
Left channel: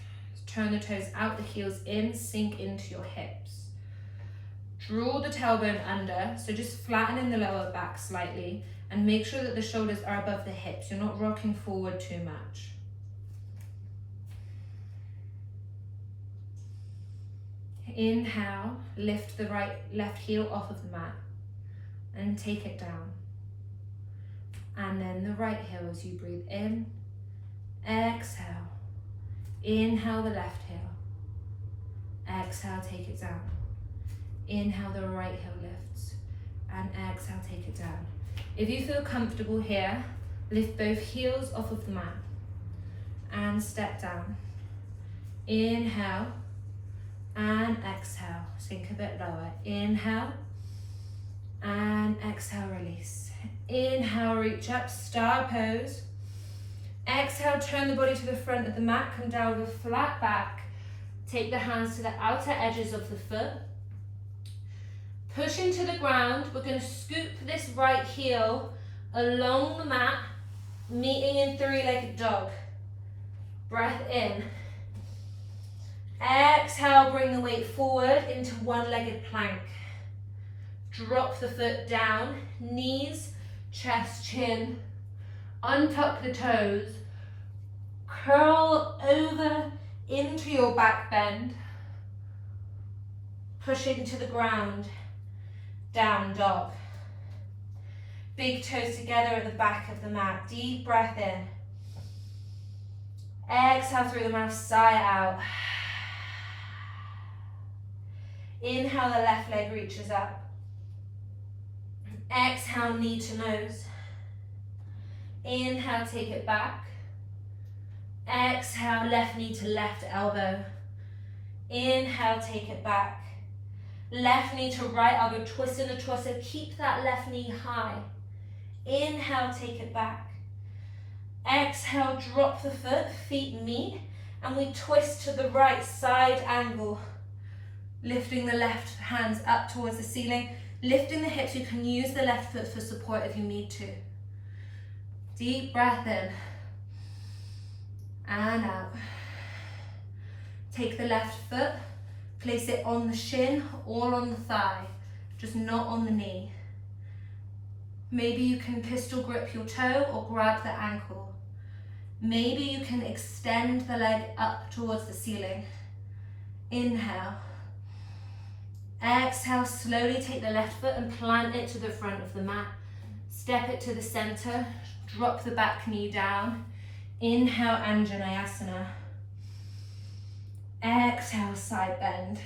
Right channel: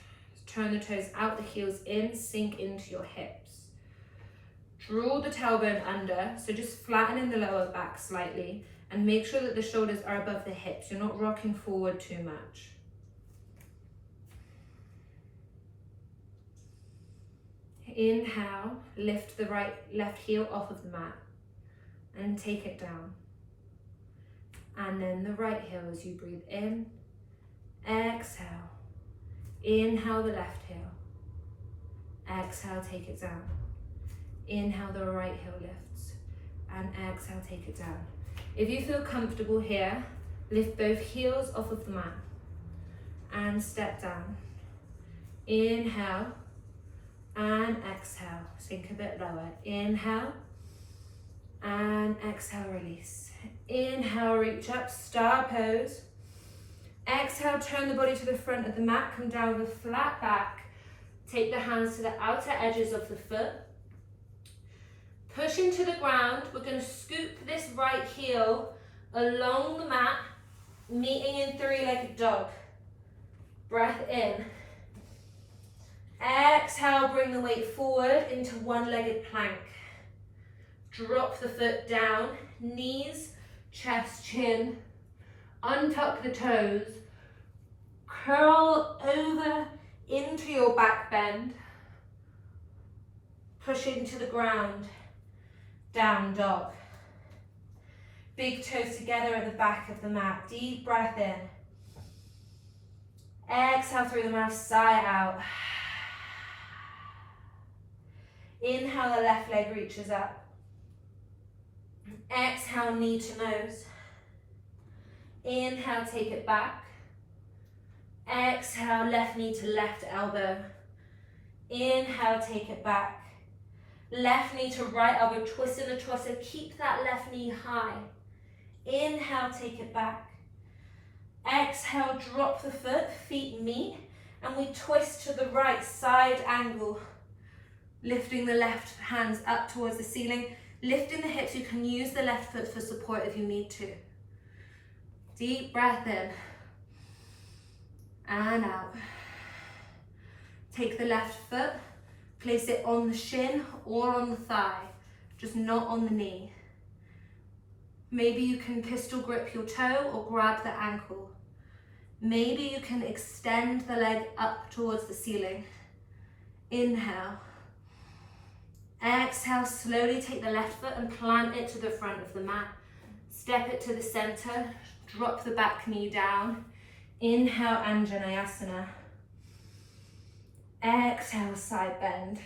Turn the toes out, the heels in, sink into your hips. Draw the tailbone under, so just flatten in the lower back slightly and make sure that the shoulders are above the hips. You're not rocking forward too much. Inhale, lift the left heel off of the mat and take it down. And then the right heel as you breathe in. Exhale. Inhale the left heel. Exhale, take it down. Inhale, the right heel lifts. And exhale, take it down. If you feel comfortable here, lift both heels off of the mat and step down. Inhale and exhale. Sink a bit lower. Inhale and exhale, release. Inhale, reach up, star pose. Exhale, turn the body to the front of the mat, come down with a flat back. Take the hands to the outer edges of the foot. Push into the ground. We're going to scoop this right heel along the mat, meeting in three-legged dog. Breath in. Exhale, bring the weight forward into one-legged plank. Drop the foot down, knees, chest, chin. Untuck the toes, curl over into your back bend, push into the ground, down dog. Big toes together at the back of the mat, deep breath in. Exhale through the mouth, sigh out. Inhale, the left leg reaches up. Exhale, knee to nose. Inhale, take it back. Exhale, left knee to left elbow. Inhale, take it back. Left knee to right elbow, twist in a twister. Keep that left knee high. Inhale, take it back. Exhale, drop the foot, feet meet, and we twist to the right side angle. Lifting the left hands up towards the ceiling. Lifting the hips, you can use the left foot for support if you need to. Deep breath in. And out. Take the left foot, place it on the shin or on the thigh, just not on the knee. Maybe you can pistol grip your toe or grab the ankle. Maybe you can extend the leg up towards the ceiling. Inhale. Exhale, slowly take the left foot and plant it to the front of the mat. Step it to the center, drop the back knee down. Inhale, Anjaneyasana. Exhale, side bend.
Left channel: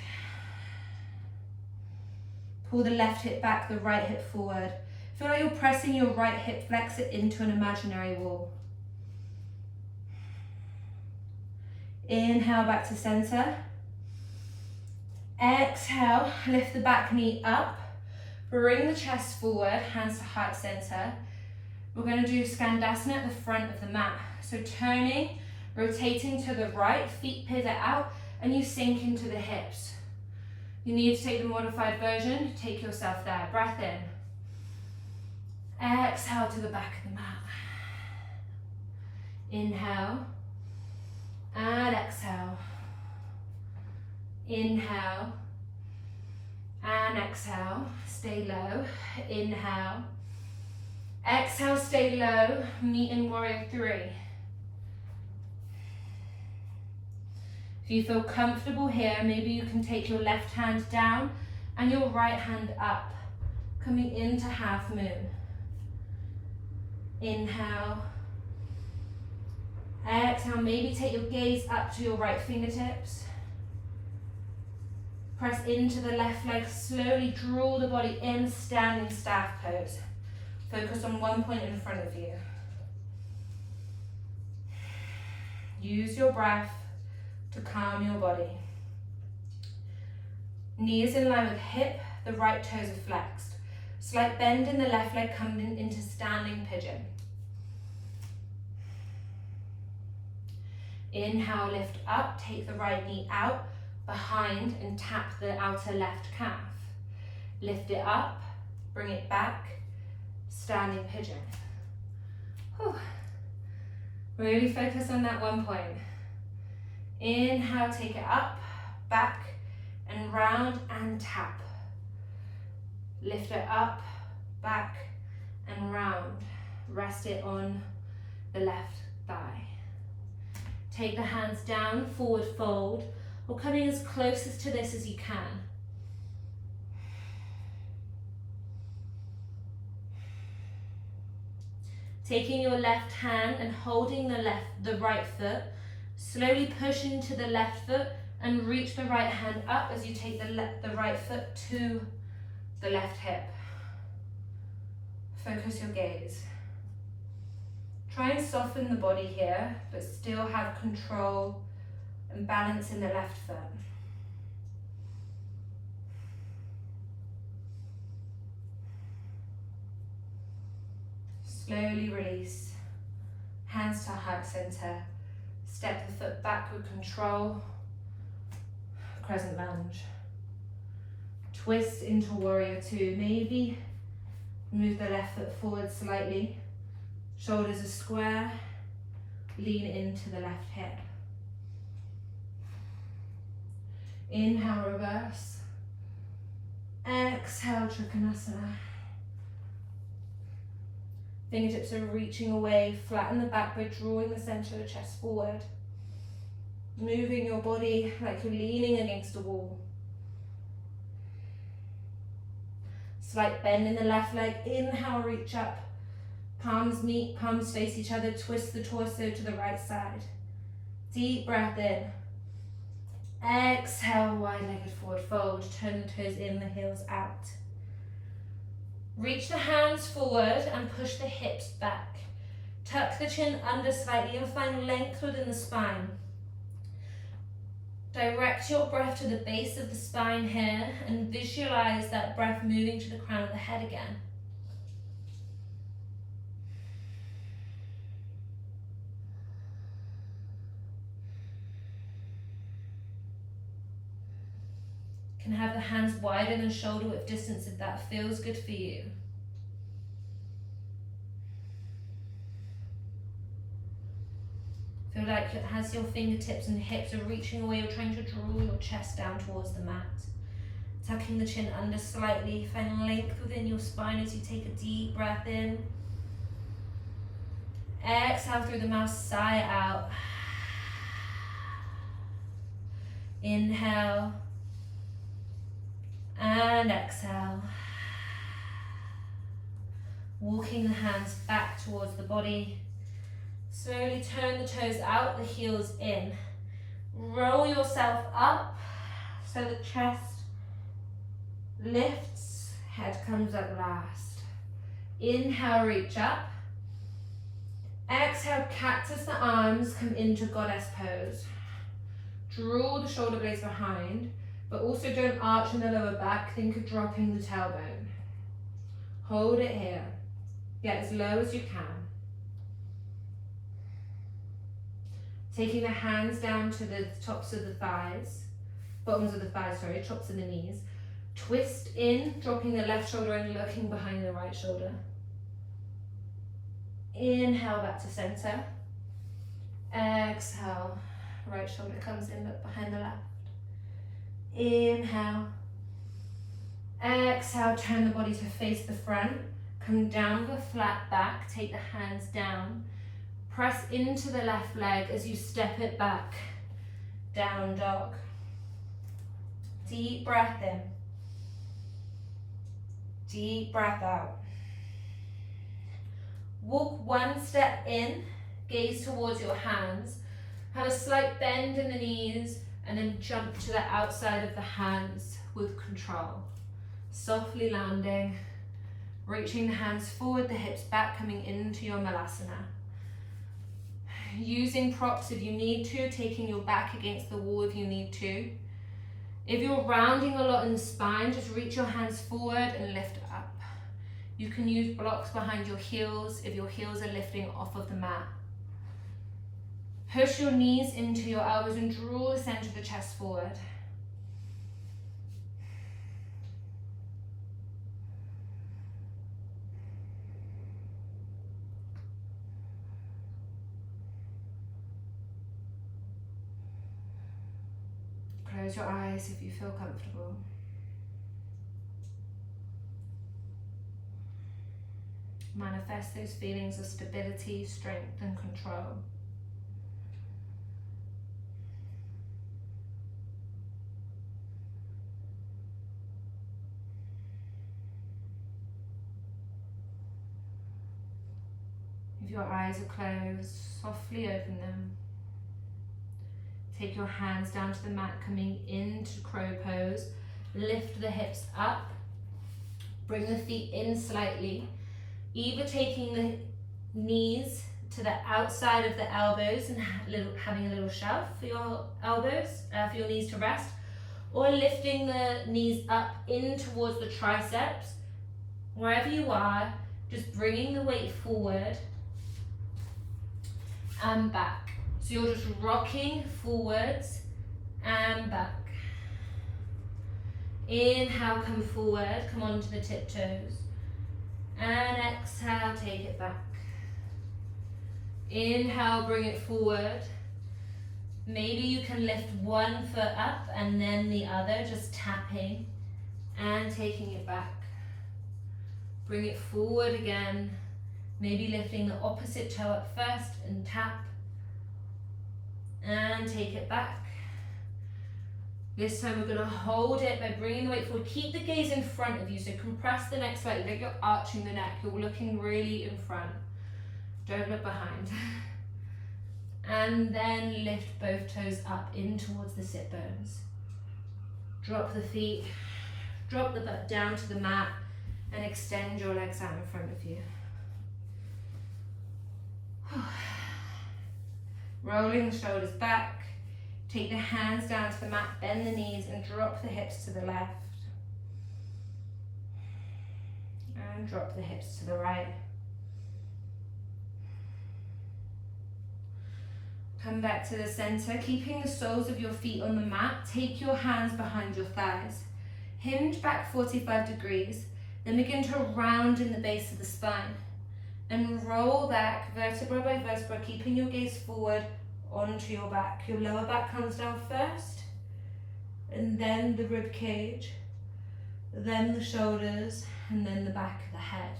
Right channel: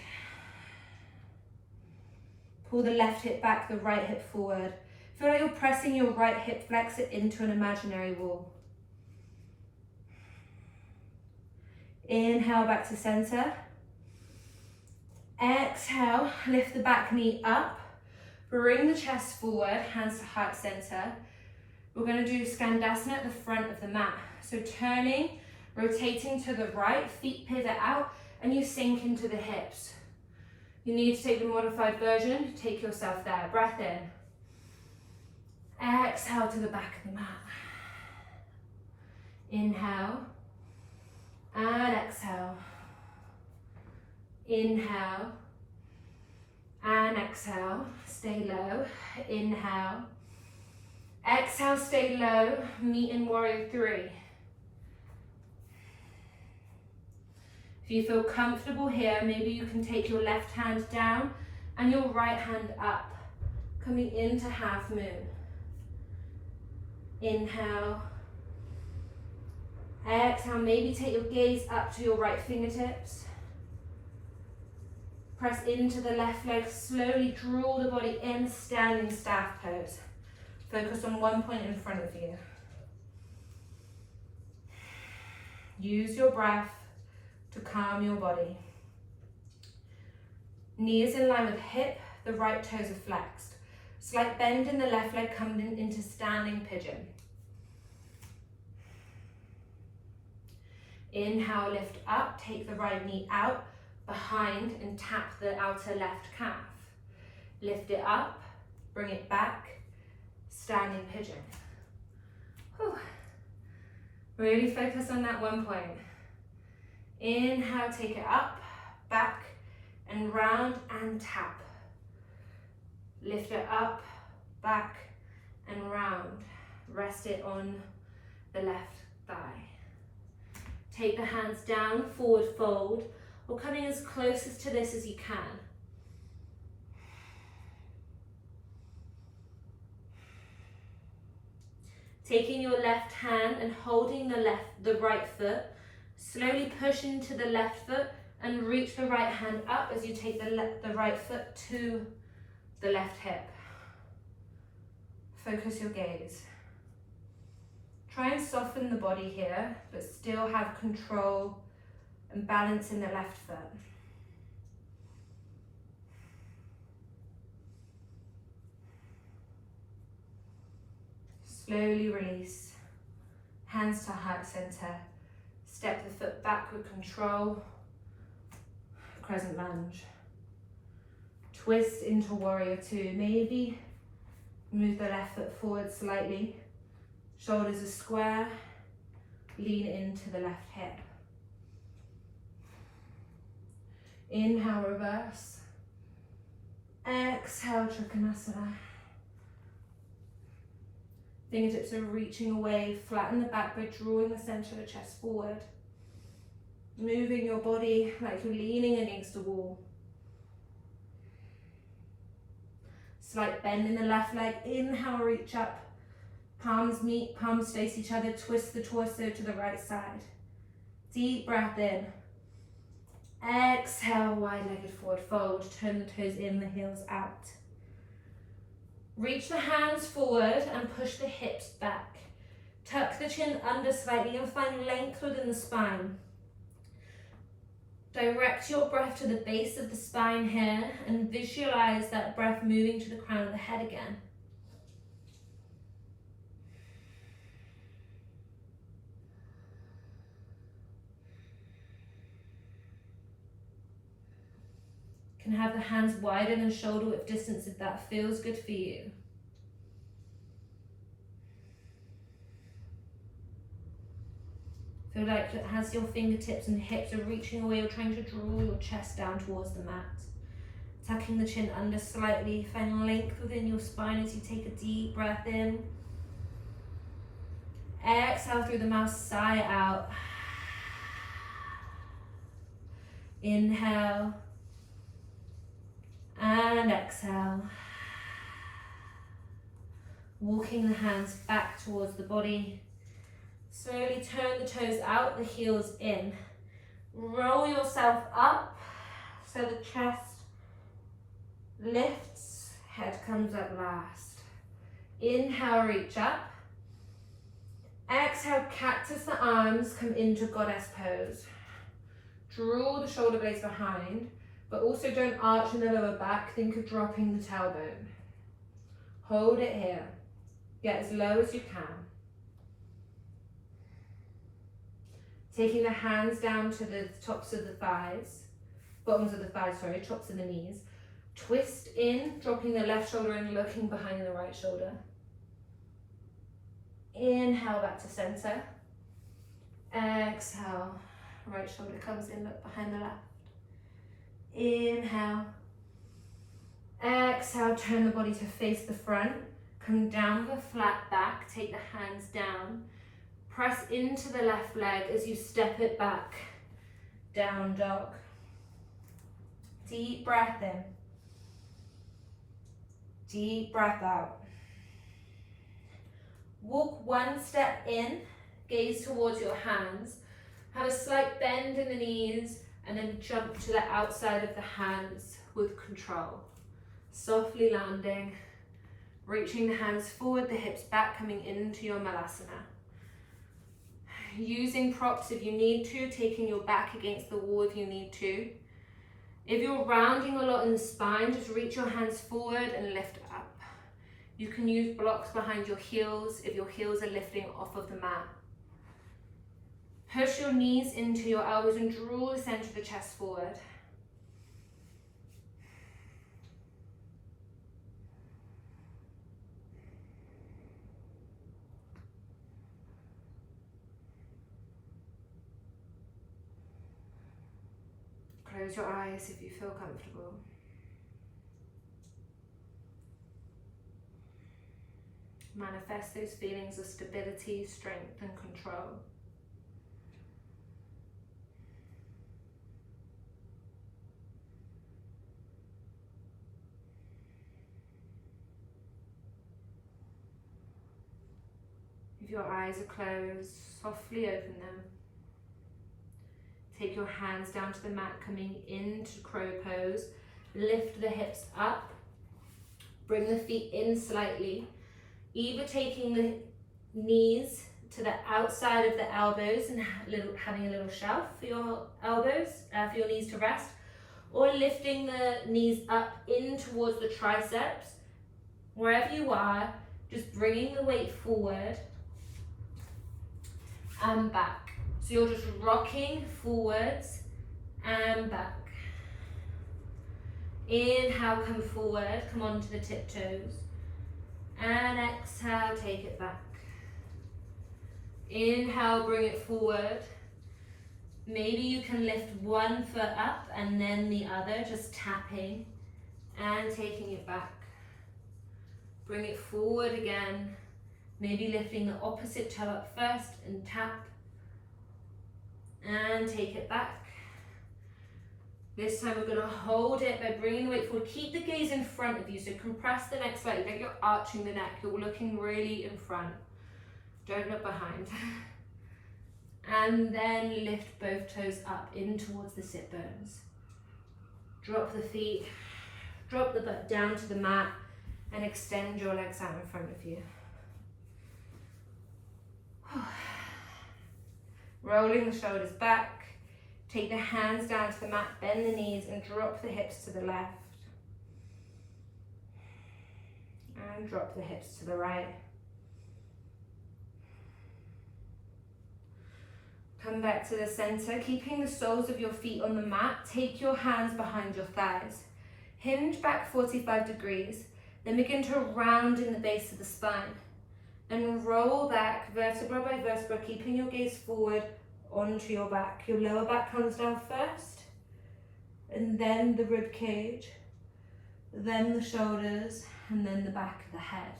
Pull the left hip back, the right hip forward. Feel like you're pressing your right hip flexor into an imaginary wall. Inhale, back to center. Exhale, lift the back knee up. Bring the chest forward, hands to heart center. We're going to do Skandasana at the front of the mat. So turning, rotating to the right, feet pivot out, and you sink into the hips. You need to take the modified version, take yourself there. Breath in. Exhale to the back of the mat. Inhale. And exhale. Inhale. And exhale. Stay low. Inhale. Exhale, stay low. Meet in warrior 3. If you feel comfortable here, maybe you can take your left hand down and your right hand up, coming into half moon. Inhale. Exhale, maybe take your gaze up to your right fingertips. Press into the left leg, slowly draw the body in, standing staff pose. Focus on one point in front of you. Use your breath to calm your body. Knees in line with hip, the right toes are flexed. Slight bend in the left leg coming into standing pigeon. Inhale, lift up, take the right knee out, behind and tap the outer left calf. Lift it up, bring it back, standing pigeon. Whew. Really focus on that one point. Inhale, take it up, back and round and tap. Lift it up, back and round. Rest it on the left thigh. Take the hands down, forward fold, or coming as closest to this as you can. Taking your left hand and holding the right foot, slowly push into the left foot and reach the right hand up as you take the right foot to the left hip. Focus your gaze. Try and soften the body here, but still have control and balance in the left foot. Slowly release, hands to heart center. Step the foot back with control, crescent lunge. Twist into warrior 2. Maybe move the left foot forward slightly. Shoulders are square, lean into the left hip. Inhale, reverse. Exhale, Trikonasana. Fingertips are reaching away, flatten the back by drawing the center of the chest forward. Moving your body like you're leaning against a wall. Slight bend in the left leg. Inhale, reach up. Palms meet, palms face each other. Twist the torso to the right side. Deep breath in. Exhale, wide-legged forward fold. Turn the toes in, the heels out. Reach the hands forward and push the hips back. Tuck the chin under slightly and find length within the spine. Direct your breath to the base of the spine here and visualize that breath moving to the crown of the head again. You can have the hands wider than shoulder width distance if that feels good for you. Feel like as your fingertips and hips are reaching away, you're trying to draw your chest down towards the mat. Tucking the chin under slightly, find length within your spine as you take a deep breath in. Exhale through the mouth, sigh out. Inhale. And exhale. Walking the hands back towards the body. Slowly turn the toes out, the heels in. Roll yourself up so the chest lifts, head comes up last. Inhale, reach up. Exhale, cactus the arms, come into goddess pose. Draw the shoulder blades behind, but also don't arch in the lower back. Think of dropping the tailbone. Hold it here. Get as low as you can. Taking the hands down to the tops of the thighs, bottoms of the thighs, sorry, tops of the knees. Twist in, dropping the left shoulder and looking behind the right shoulder. Inhale back to center. Exhale, right shoulder comes in, look behind the left. Inhale. Exhale, turn the body to face the front. Come down with a flat back, take the hands down. Press into the left leg as you step it back. Down dog. Deep breath in. Deep breath out. Walk one step in, gaze towards your hands. Have a slight bend in the knees and then jump to the outside of the hands with control. Softly landing, reaching the hands forward, the hips back, coming into your Malasana. Using props if you need to, taking your back against the wall if you need to. If you're rounding a lot in the spine, just reach your hands forward and lift up. You can use blocks behind your heels if your heels are lifting off of the mat. Push your knees into your elbows and draw the center of the chest forward. Close your eyes if you feel comfortable. Manifest those feelings of stability, strength, and control. If your eyes are closed, softly open them. Take your hands down to the mat, coming into crow pose. Lift the hips up. Bring the feet in slightly. Either taking the knees to the outside of the elbows and having a little shelf for your elbows, for your knees to rest, or lifting the knees up in towards the triceps. Wherever you are, just bringing the weight forward and back. So you're just rocking forwards and back. Inhale, come forward, come onto the tiptoes. And exhale, take it back. Inhale, bring it forward. Maybe you can lift one foot up and then the other, just tapping and taking it back. Bring it forward again. Maybe lifting the opposite toe up first and tap. And take it back. This time we're going to hold it by bringing the weight forward. Keep the gaze in front of you, so compress the neck slightly, like you're arching the neck. You're looking really in front. Don't look behind. And then lift both toes up in towards the sit bones. Drop the feet, drop the butt down to the mat, and extend your legs out in front of you. Rolling the shoulders back, take the hands down to the mat, bend the knees and drop the hips to the left. And drop the hips to the right. Come back to the center, keeping the soles of your feet on the mat. Take your hands behind your thighs. Hinge back 45 degrees, then begin to round in the base of the spine. And roll back vertebra by vertebra, keeping your gaze forward onto your back. Your lower back comes down first, and then the rib cage, then the shoulders, and then the back of the head.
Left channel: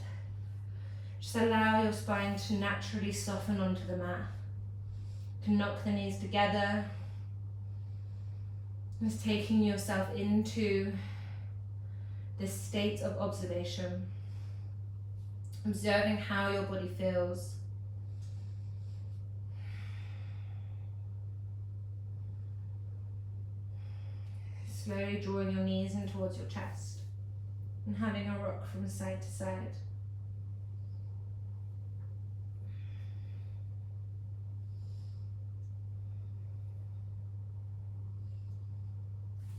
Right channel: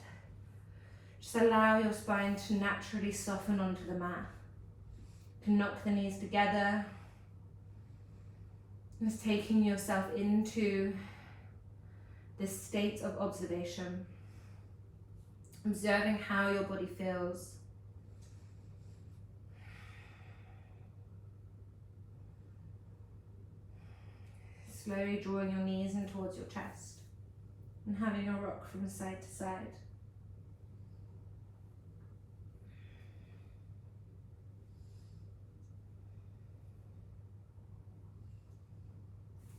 Just allow your spine to naturally soften onto the mat. You can knock the knees together. Just taking yourself into this state of observation. Observing how your body feels. Slowly drawing your knees in towards your chest and having a rock from side to side.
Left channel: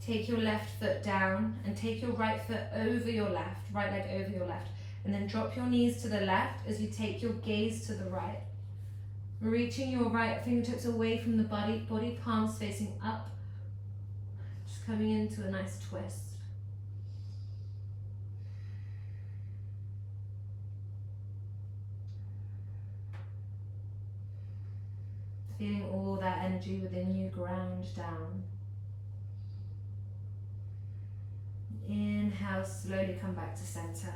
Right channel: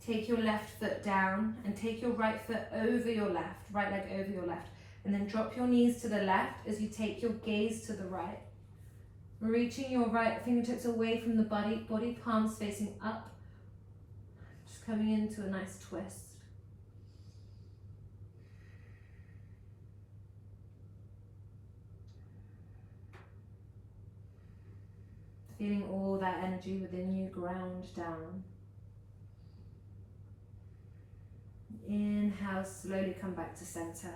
Take your left foot down and take your right foot over your left, right leg over your left. And then drop your knees to the left as you take your gaze to the right. Reaching your right fingertips away from the body palms facing up. Just coming into a nice twist. Feeling all that energy within you ground down. Inhale, slowly come back to center.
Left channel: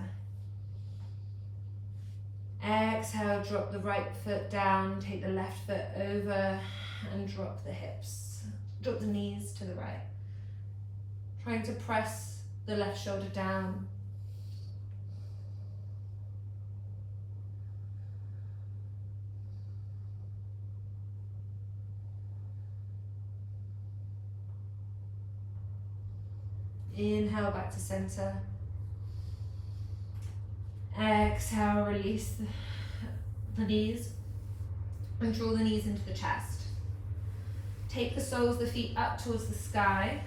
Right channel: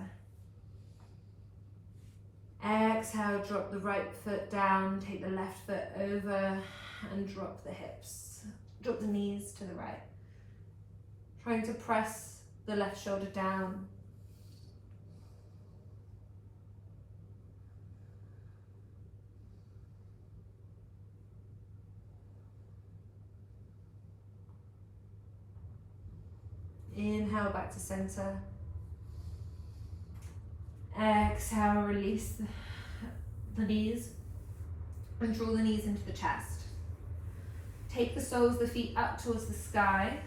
Exhale, drop the right foot down, take the left foot over and drop the hips. Drop the knees to the right. Trying to press the left shoulder down. Inhale, back to center. Exhale, release the knees and draw the knees into the chest. Take the soles of the feet up towards the sky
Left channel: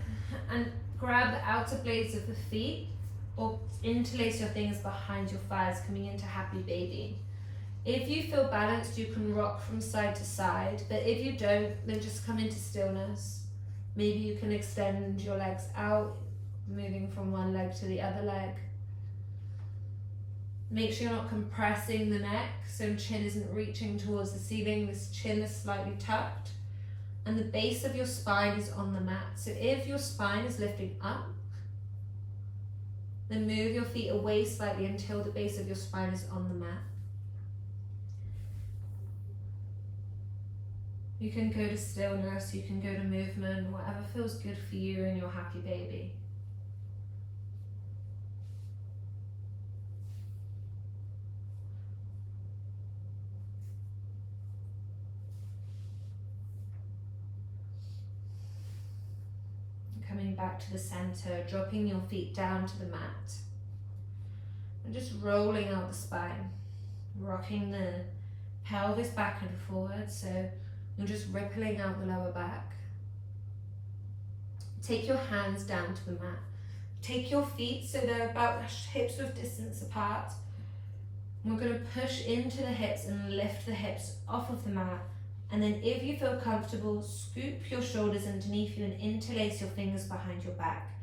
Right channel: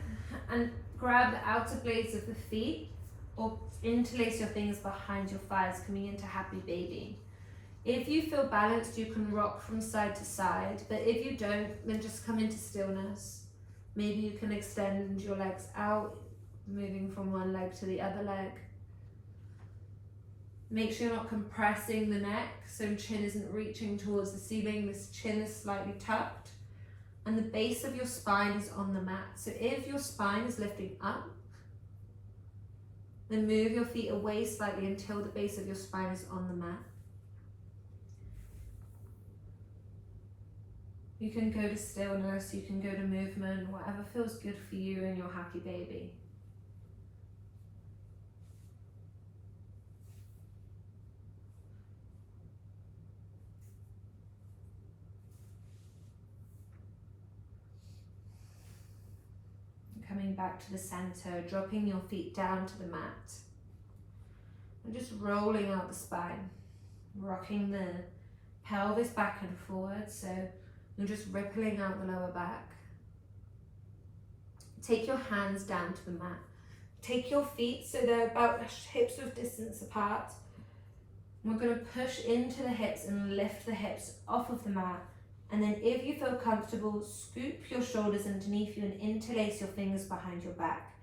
and grab the outer blades of the feet or interlace your fingers behind your thighs, coming into happy baby. If you feel balanced, you can rock from side to side, but if you don't, then just come into stillness. Maybe you can extend your legs out, moving from one leg to the other leg. Make sure you're not compressing the neck, so chin isn't reaching towards the ceiling. This chin is slightly tucked and the base of your spine is on the mat. So if your spine is lifting up, then move your feet away slightly until the base of your spine is on the mat. You can go to stillness, you can go to movement, whatever feels good for you and your happy baby. Coming back to the center, dropping your feet down to the mat. And just rolling out the spine, rocking the pelvis back and forward, so you're just rippling out the lower back. Take your hands down to the mat. Take your feet so they're about hips width distance apart. We're going to push into the hips and lift the hips off of the mat. And then if you feel comfortable, scoop your shoulders underneath you and interlace your fingers behind your back.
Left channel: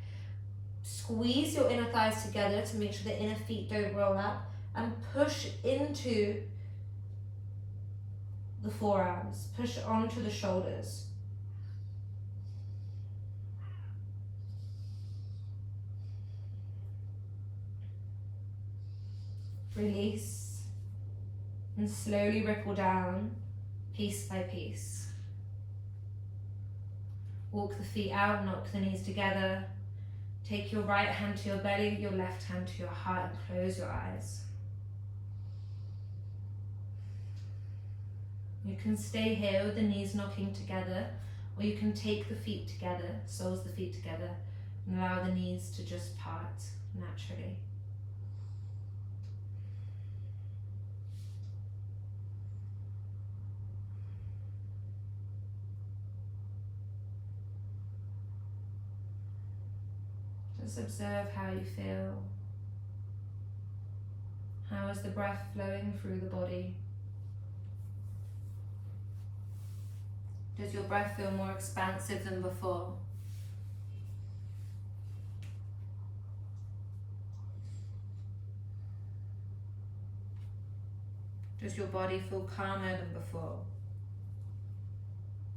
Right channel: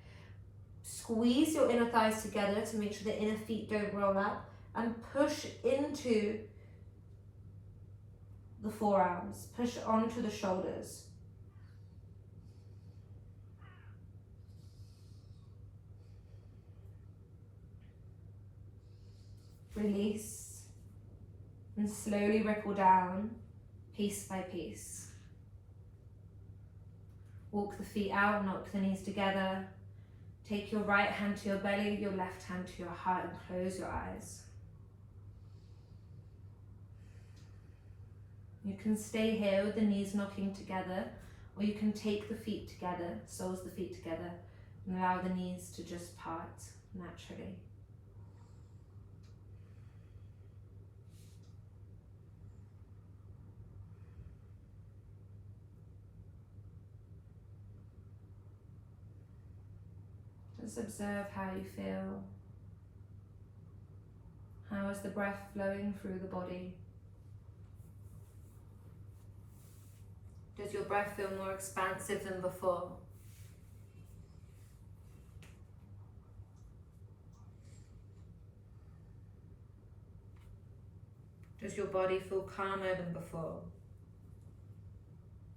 Squeeze your inner thighs together to make sure the inner feet don't roll up, and push into the forearms. Push onto the shoulders. Release and slowly ripple down. Piece by piece. Walk the feet out, knock the knees together. Take your right hand to your belly, your left hand to your heart, and close your eyes. You can stay here with the knees knocking together, or you can take the feet together, soles of the feet together, and allow the knees to just part naturally. Just observe how you feel. How is the breath flowing through the body? Does your breath feel more expansive than before? Does your body feel calmer than before?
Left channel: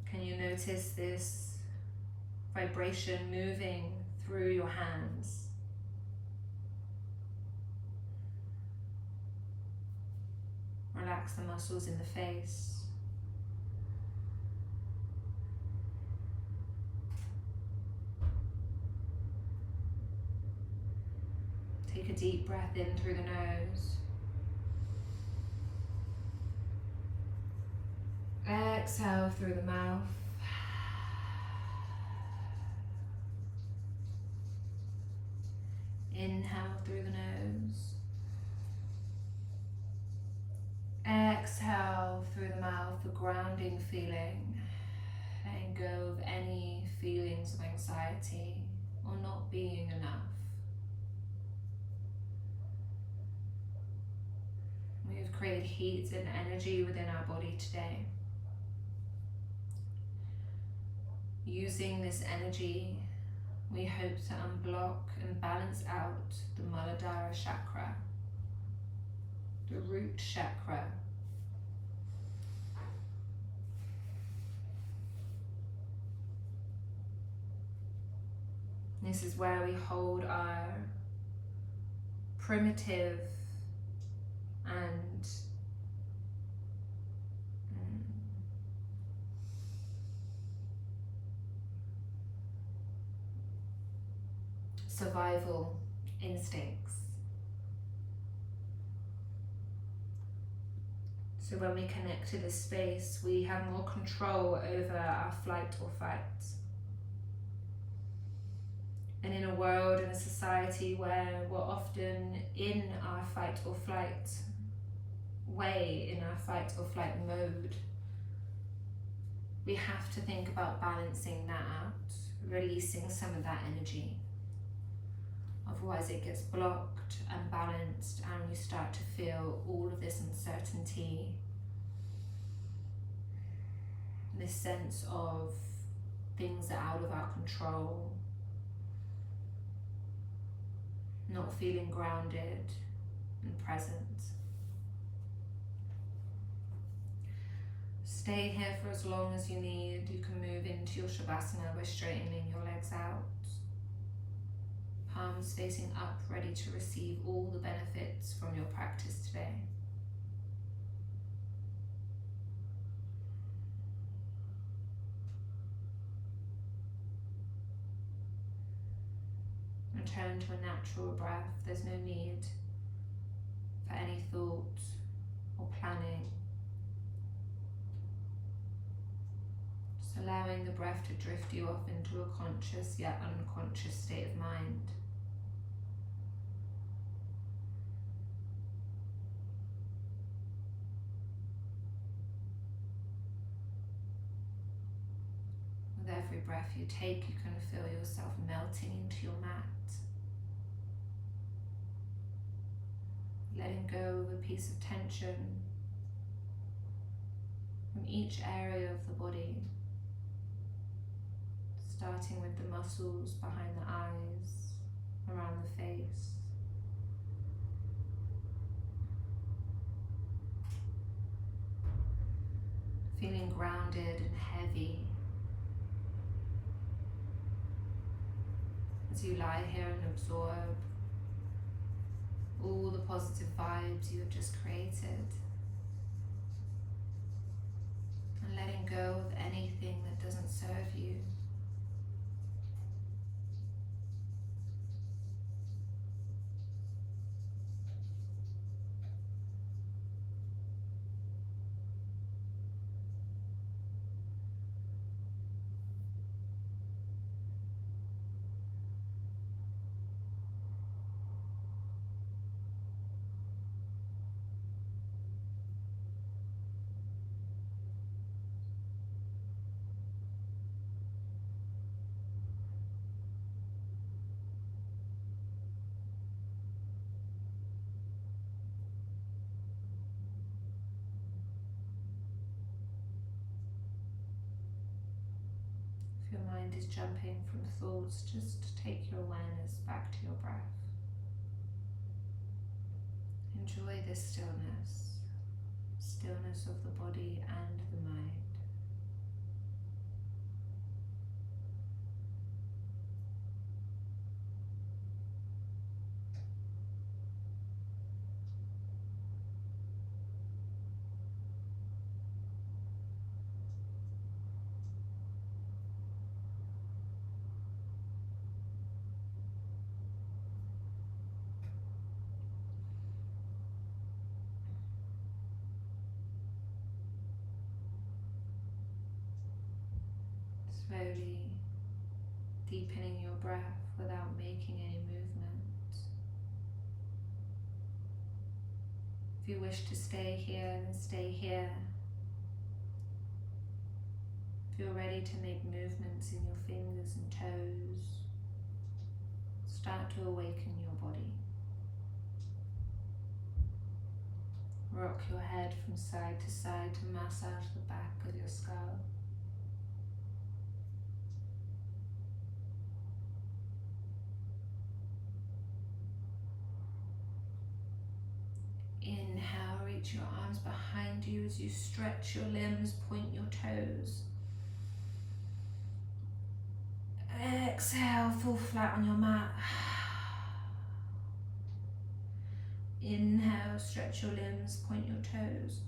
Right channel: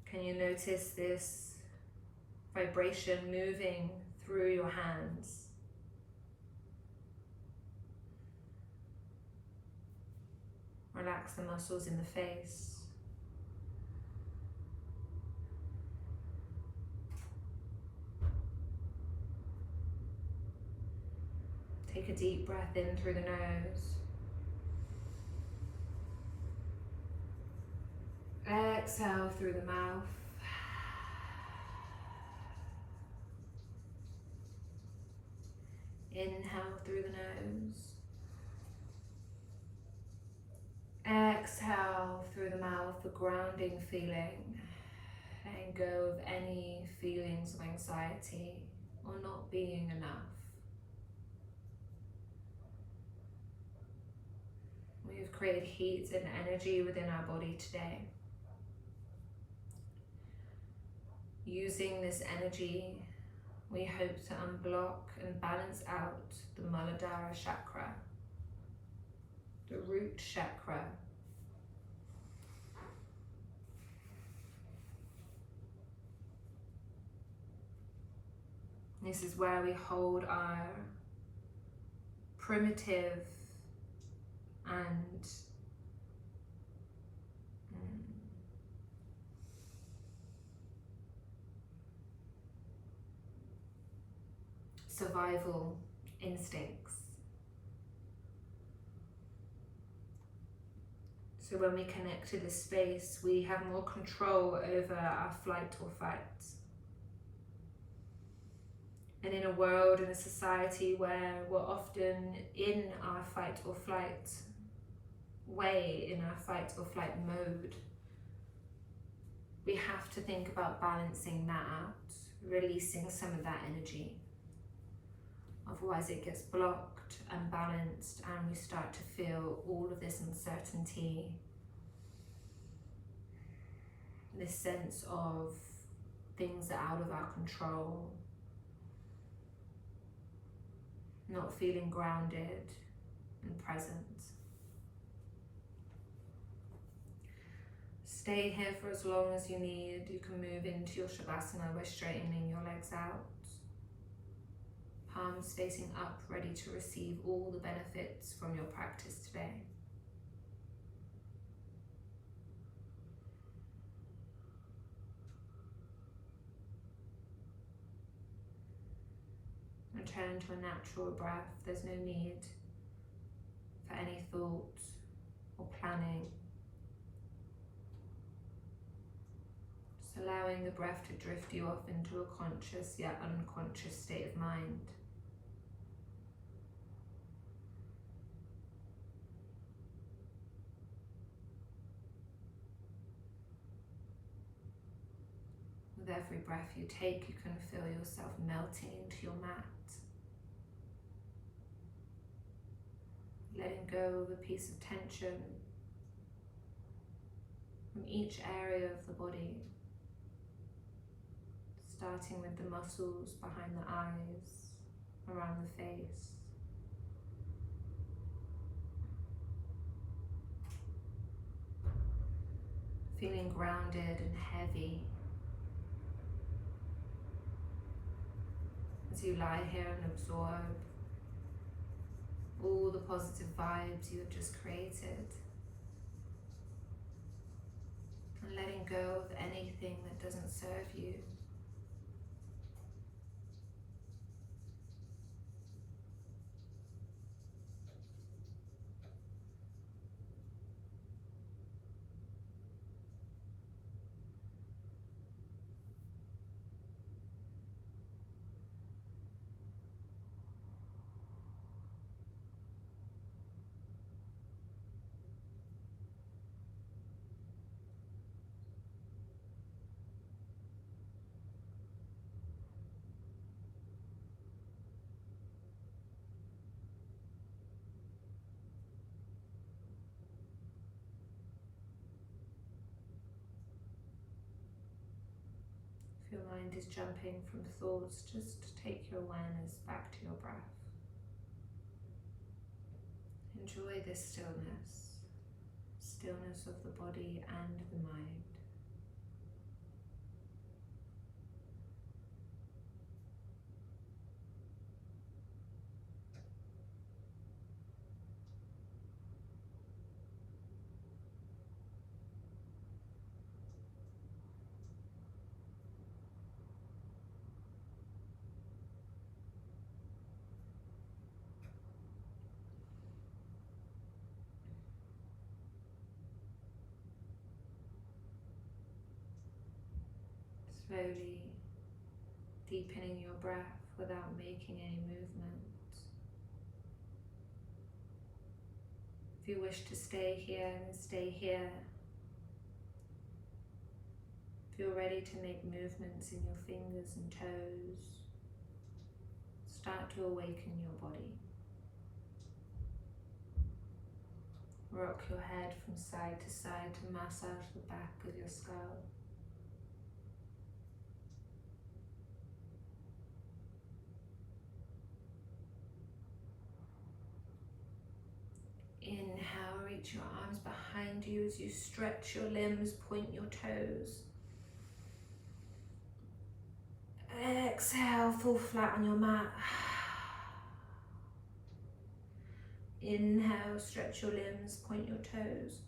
Can you notice this vibration moving through your hands? Relax the muscles in the face. Take a deep breath in through the nose. Exhale through the mouth. Inhale through the nose. Exhale through the mouth, the grounding feeling. Letting go of any feelings of anxiety or not being enough. We have created heat and energy within our body today. Using this energy, we hope to unblock and balance out the Muladhara Chakra, the Root Chakra. This is where we hold our primitive and survival instincts. So when we connect to this space, we have more control over our flight or fight. And in a world, in a society where we're often in our fight or flight way, in our fight or flight mode, we have to think about balancing that out, releasing some of that energy. Otherwise it gets blocked and balanced, and we start to feel all of this uncertainty, this sense of things that are out of our control, not feeling grounded and present. Stay here for as long as you need. You can move into your Shavasana by straightening your legs out. Palms facing up, ready to receive all the benefits from your practice today. Return to a natural breath. There's no need for any thought or planning. Just allowing the breath to drift you off into a conscious yet unconscious state of mind. With every breath you take, you can feel yourself melting into your mat. Letting go of a piece of tension from each area of the body. Starting with the muscles behind the eyes, around the face. Feeling grounded and heavy as you lie here and absorb all the positive vibes you have just created, and letting go of anything that doesn't serve you. If your mind is jumping from thoughts, just take your awareness back to your breath. Enjoy this stillness, stillness of the body and the mind. Slowly deepening your breath without making any movement. If you wish to stay here, then stay here. If you're ready to make movements in your fingers and toes, start to awaken your body. Rock your head from side to side to massage the back of your skull. Inhale, reach your arms behind you as you stretch your limbs, point your toes. Exhale, fall flat on your mat. Inhale, stretch your limbs, point your toes.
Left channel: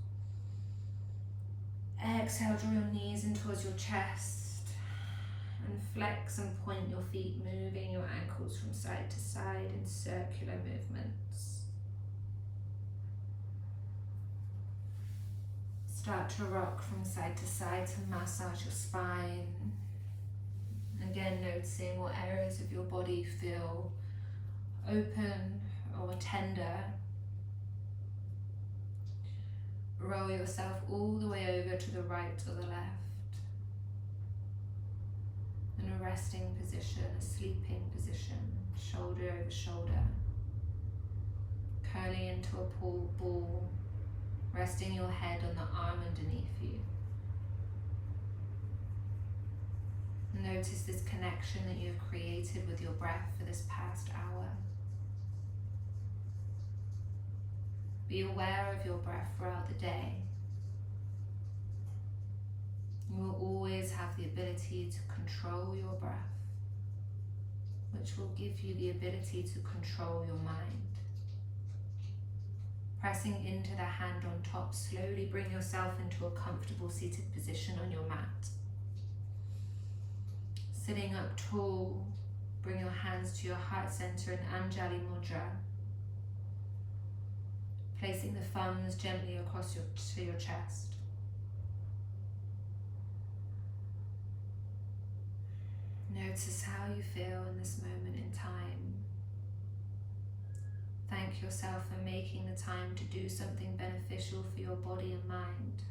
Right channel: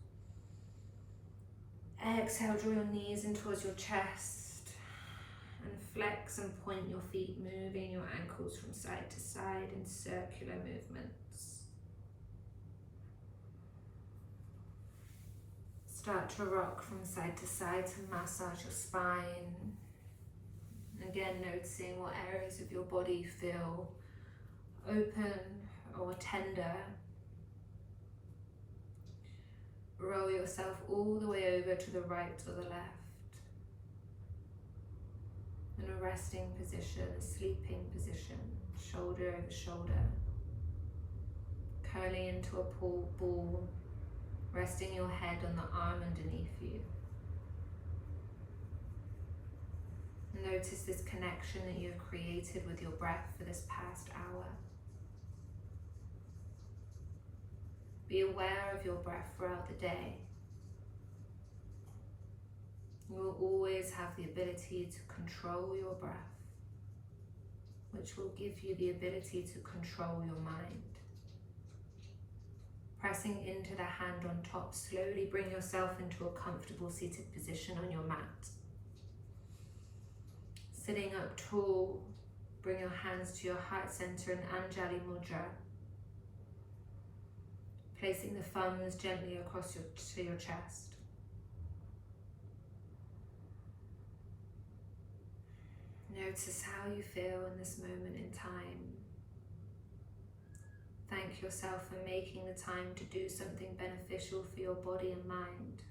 Exhale, draw your knees in towards your chest and flex and point your feet, moving your ankles from side to side in circular movements. Start to rock from side to side to massage your spine. Again, noticing what areas of your body feel open or tender. Roll yourself all the way over to the right or the left. In a resting position, a sleeping position, shoulder over shoulder. Curling into a ball, resting your head on the arm underneath you. Notice this connection that you have created with your breath for this past hour. Be aware of your breath throughout the day. You will always have the ability to control your breath, which will give you the ability to control your mind. Pressing into the hand on top, slowly bring yourself into a comfortable seated position on your mat. Sitting up tall, bring your hands to your heart center in Anjali Mudra. Placing the thumbs gently across to your chest. Notice how you feel in this moment in time. Thank yourself for making the time to do something beneficial for your body and mind.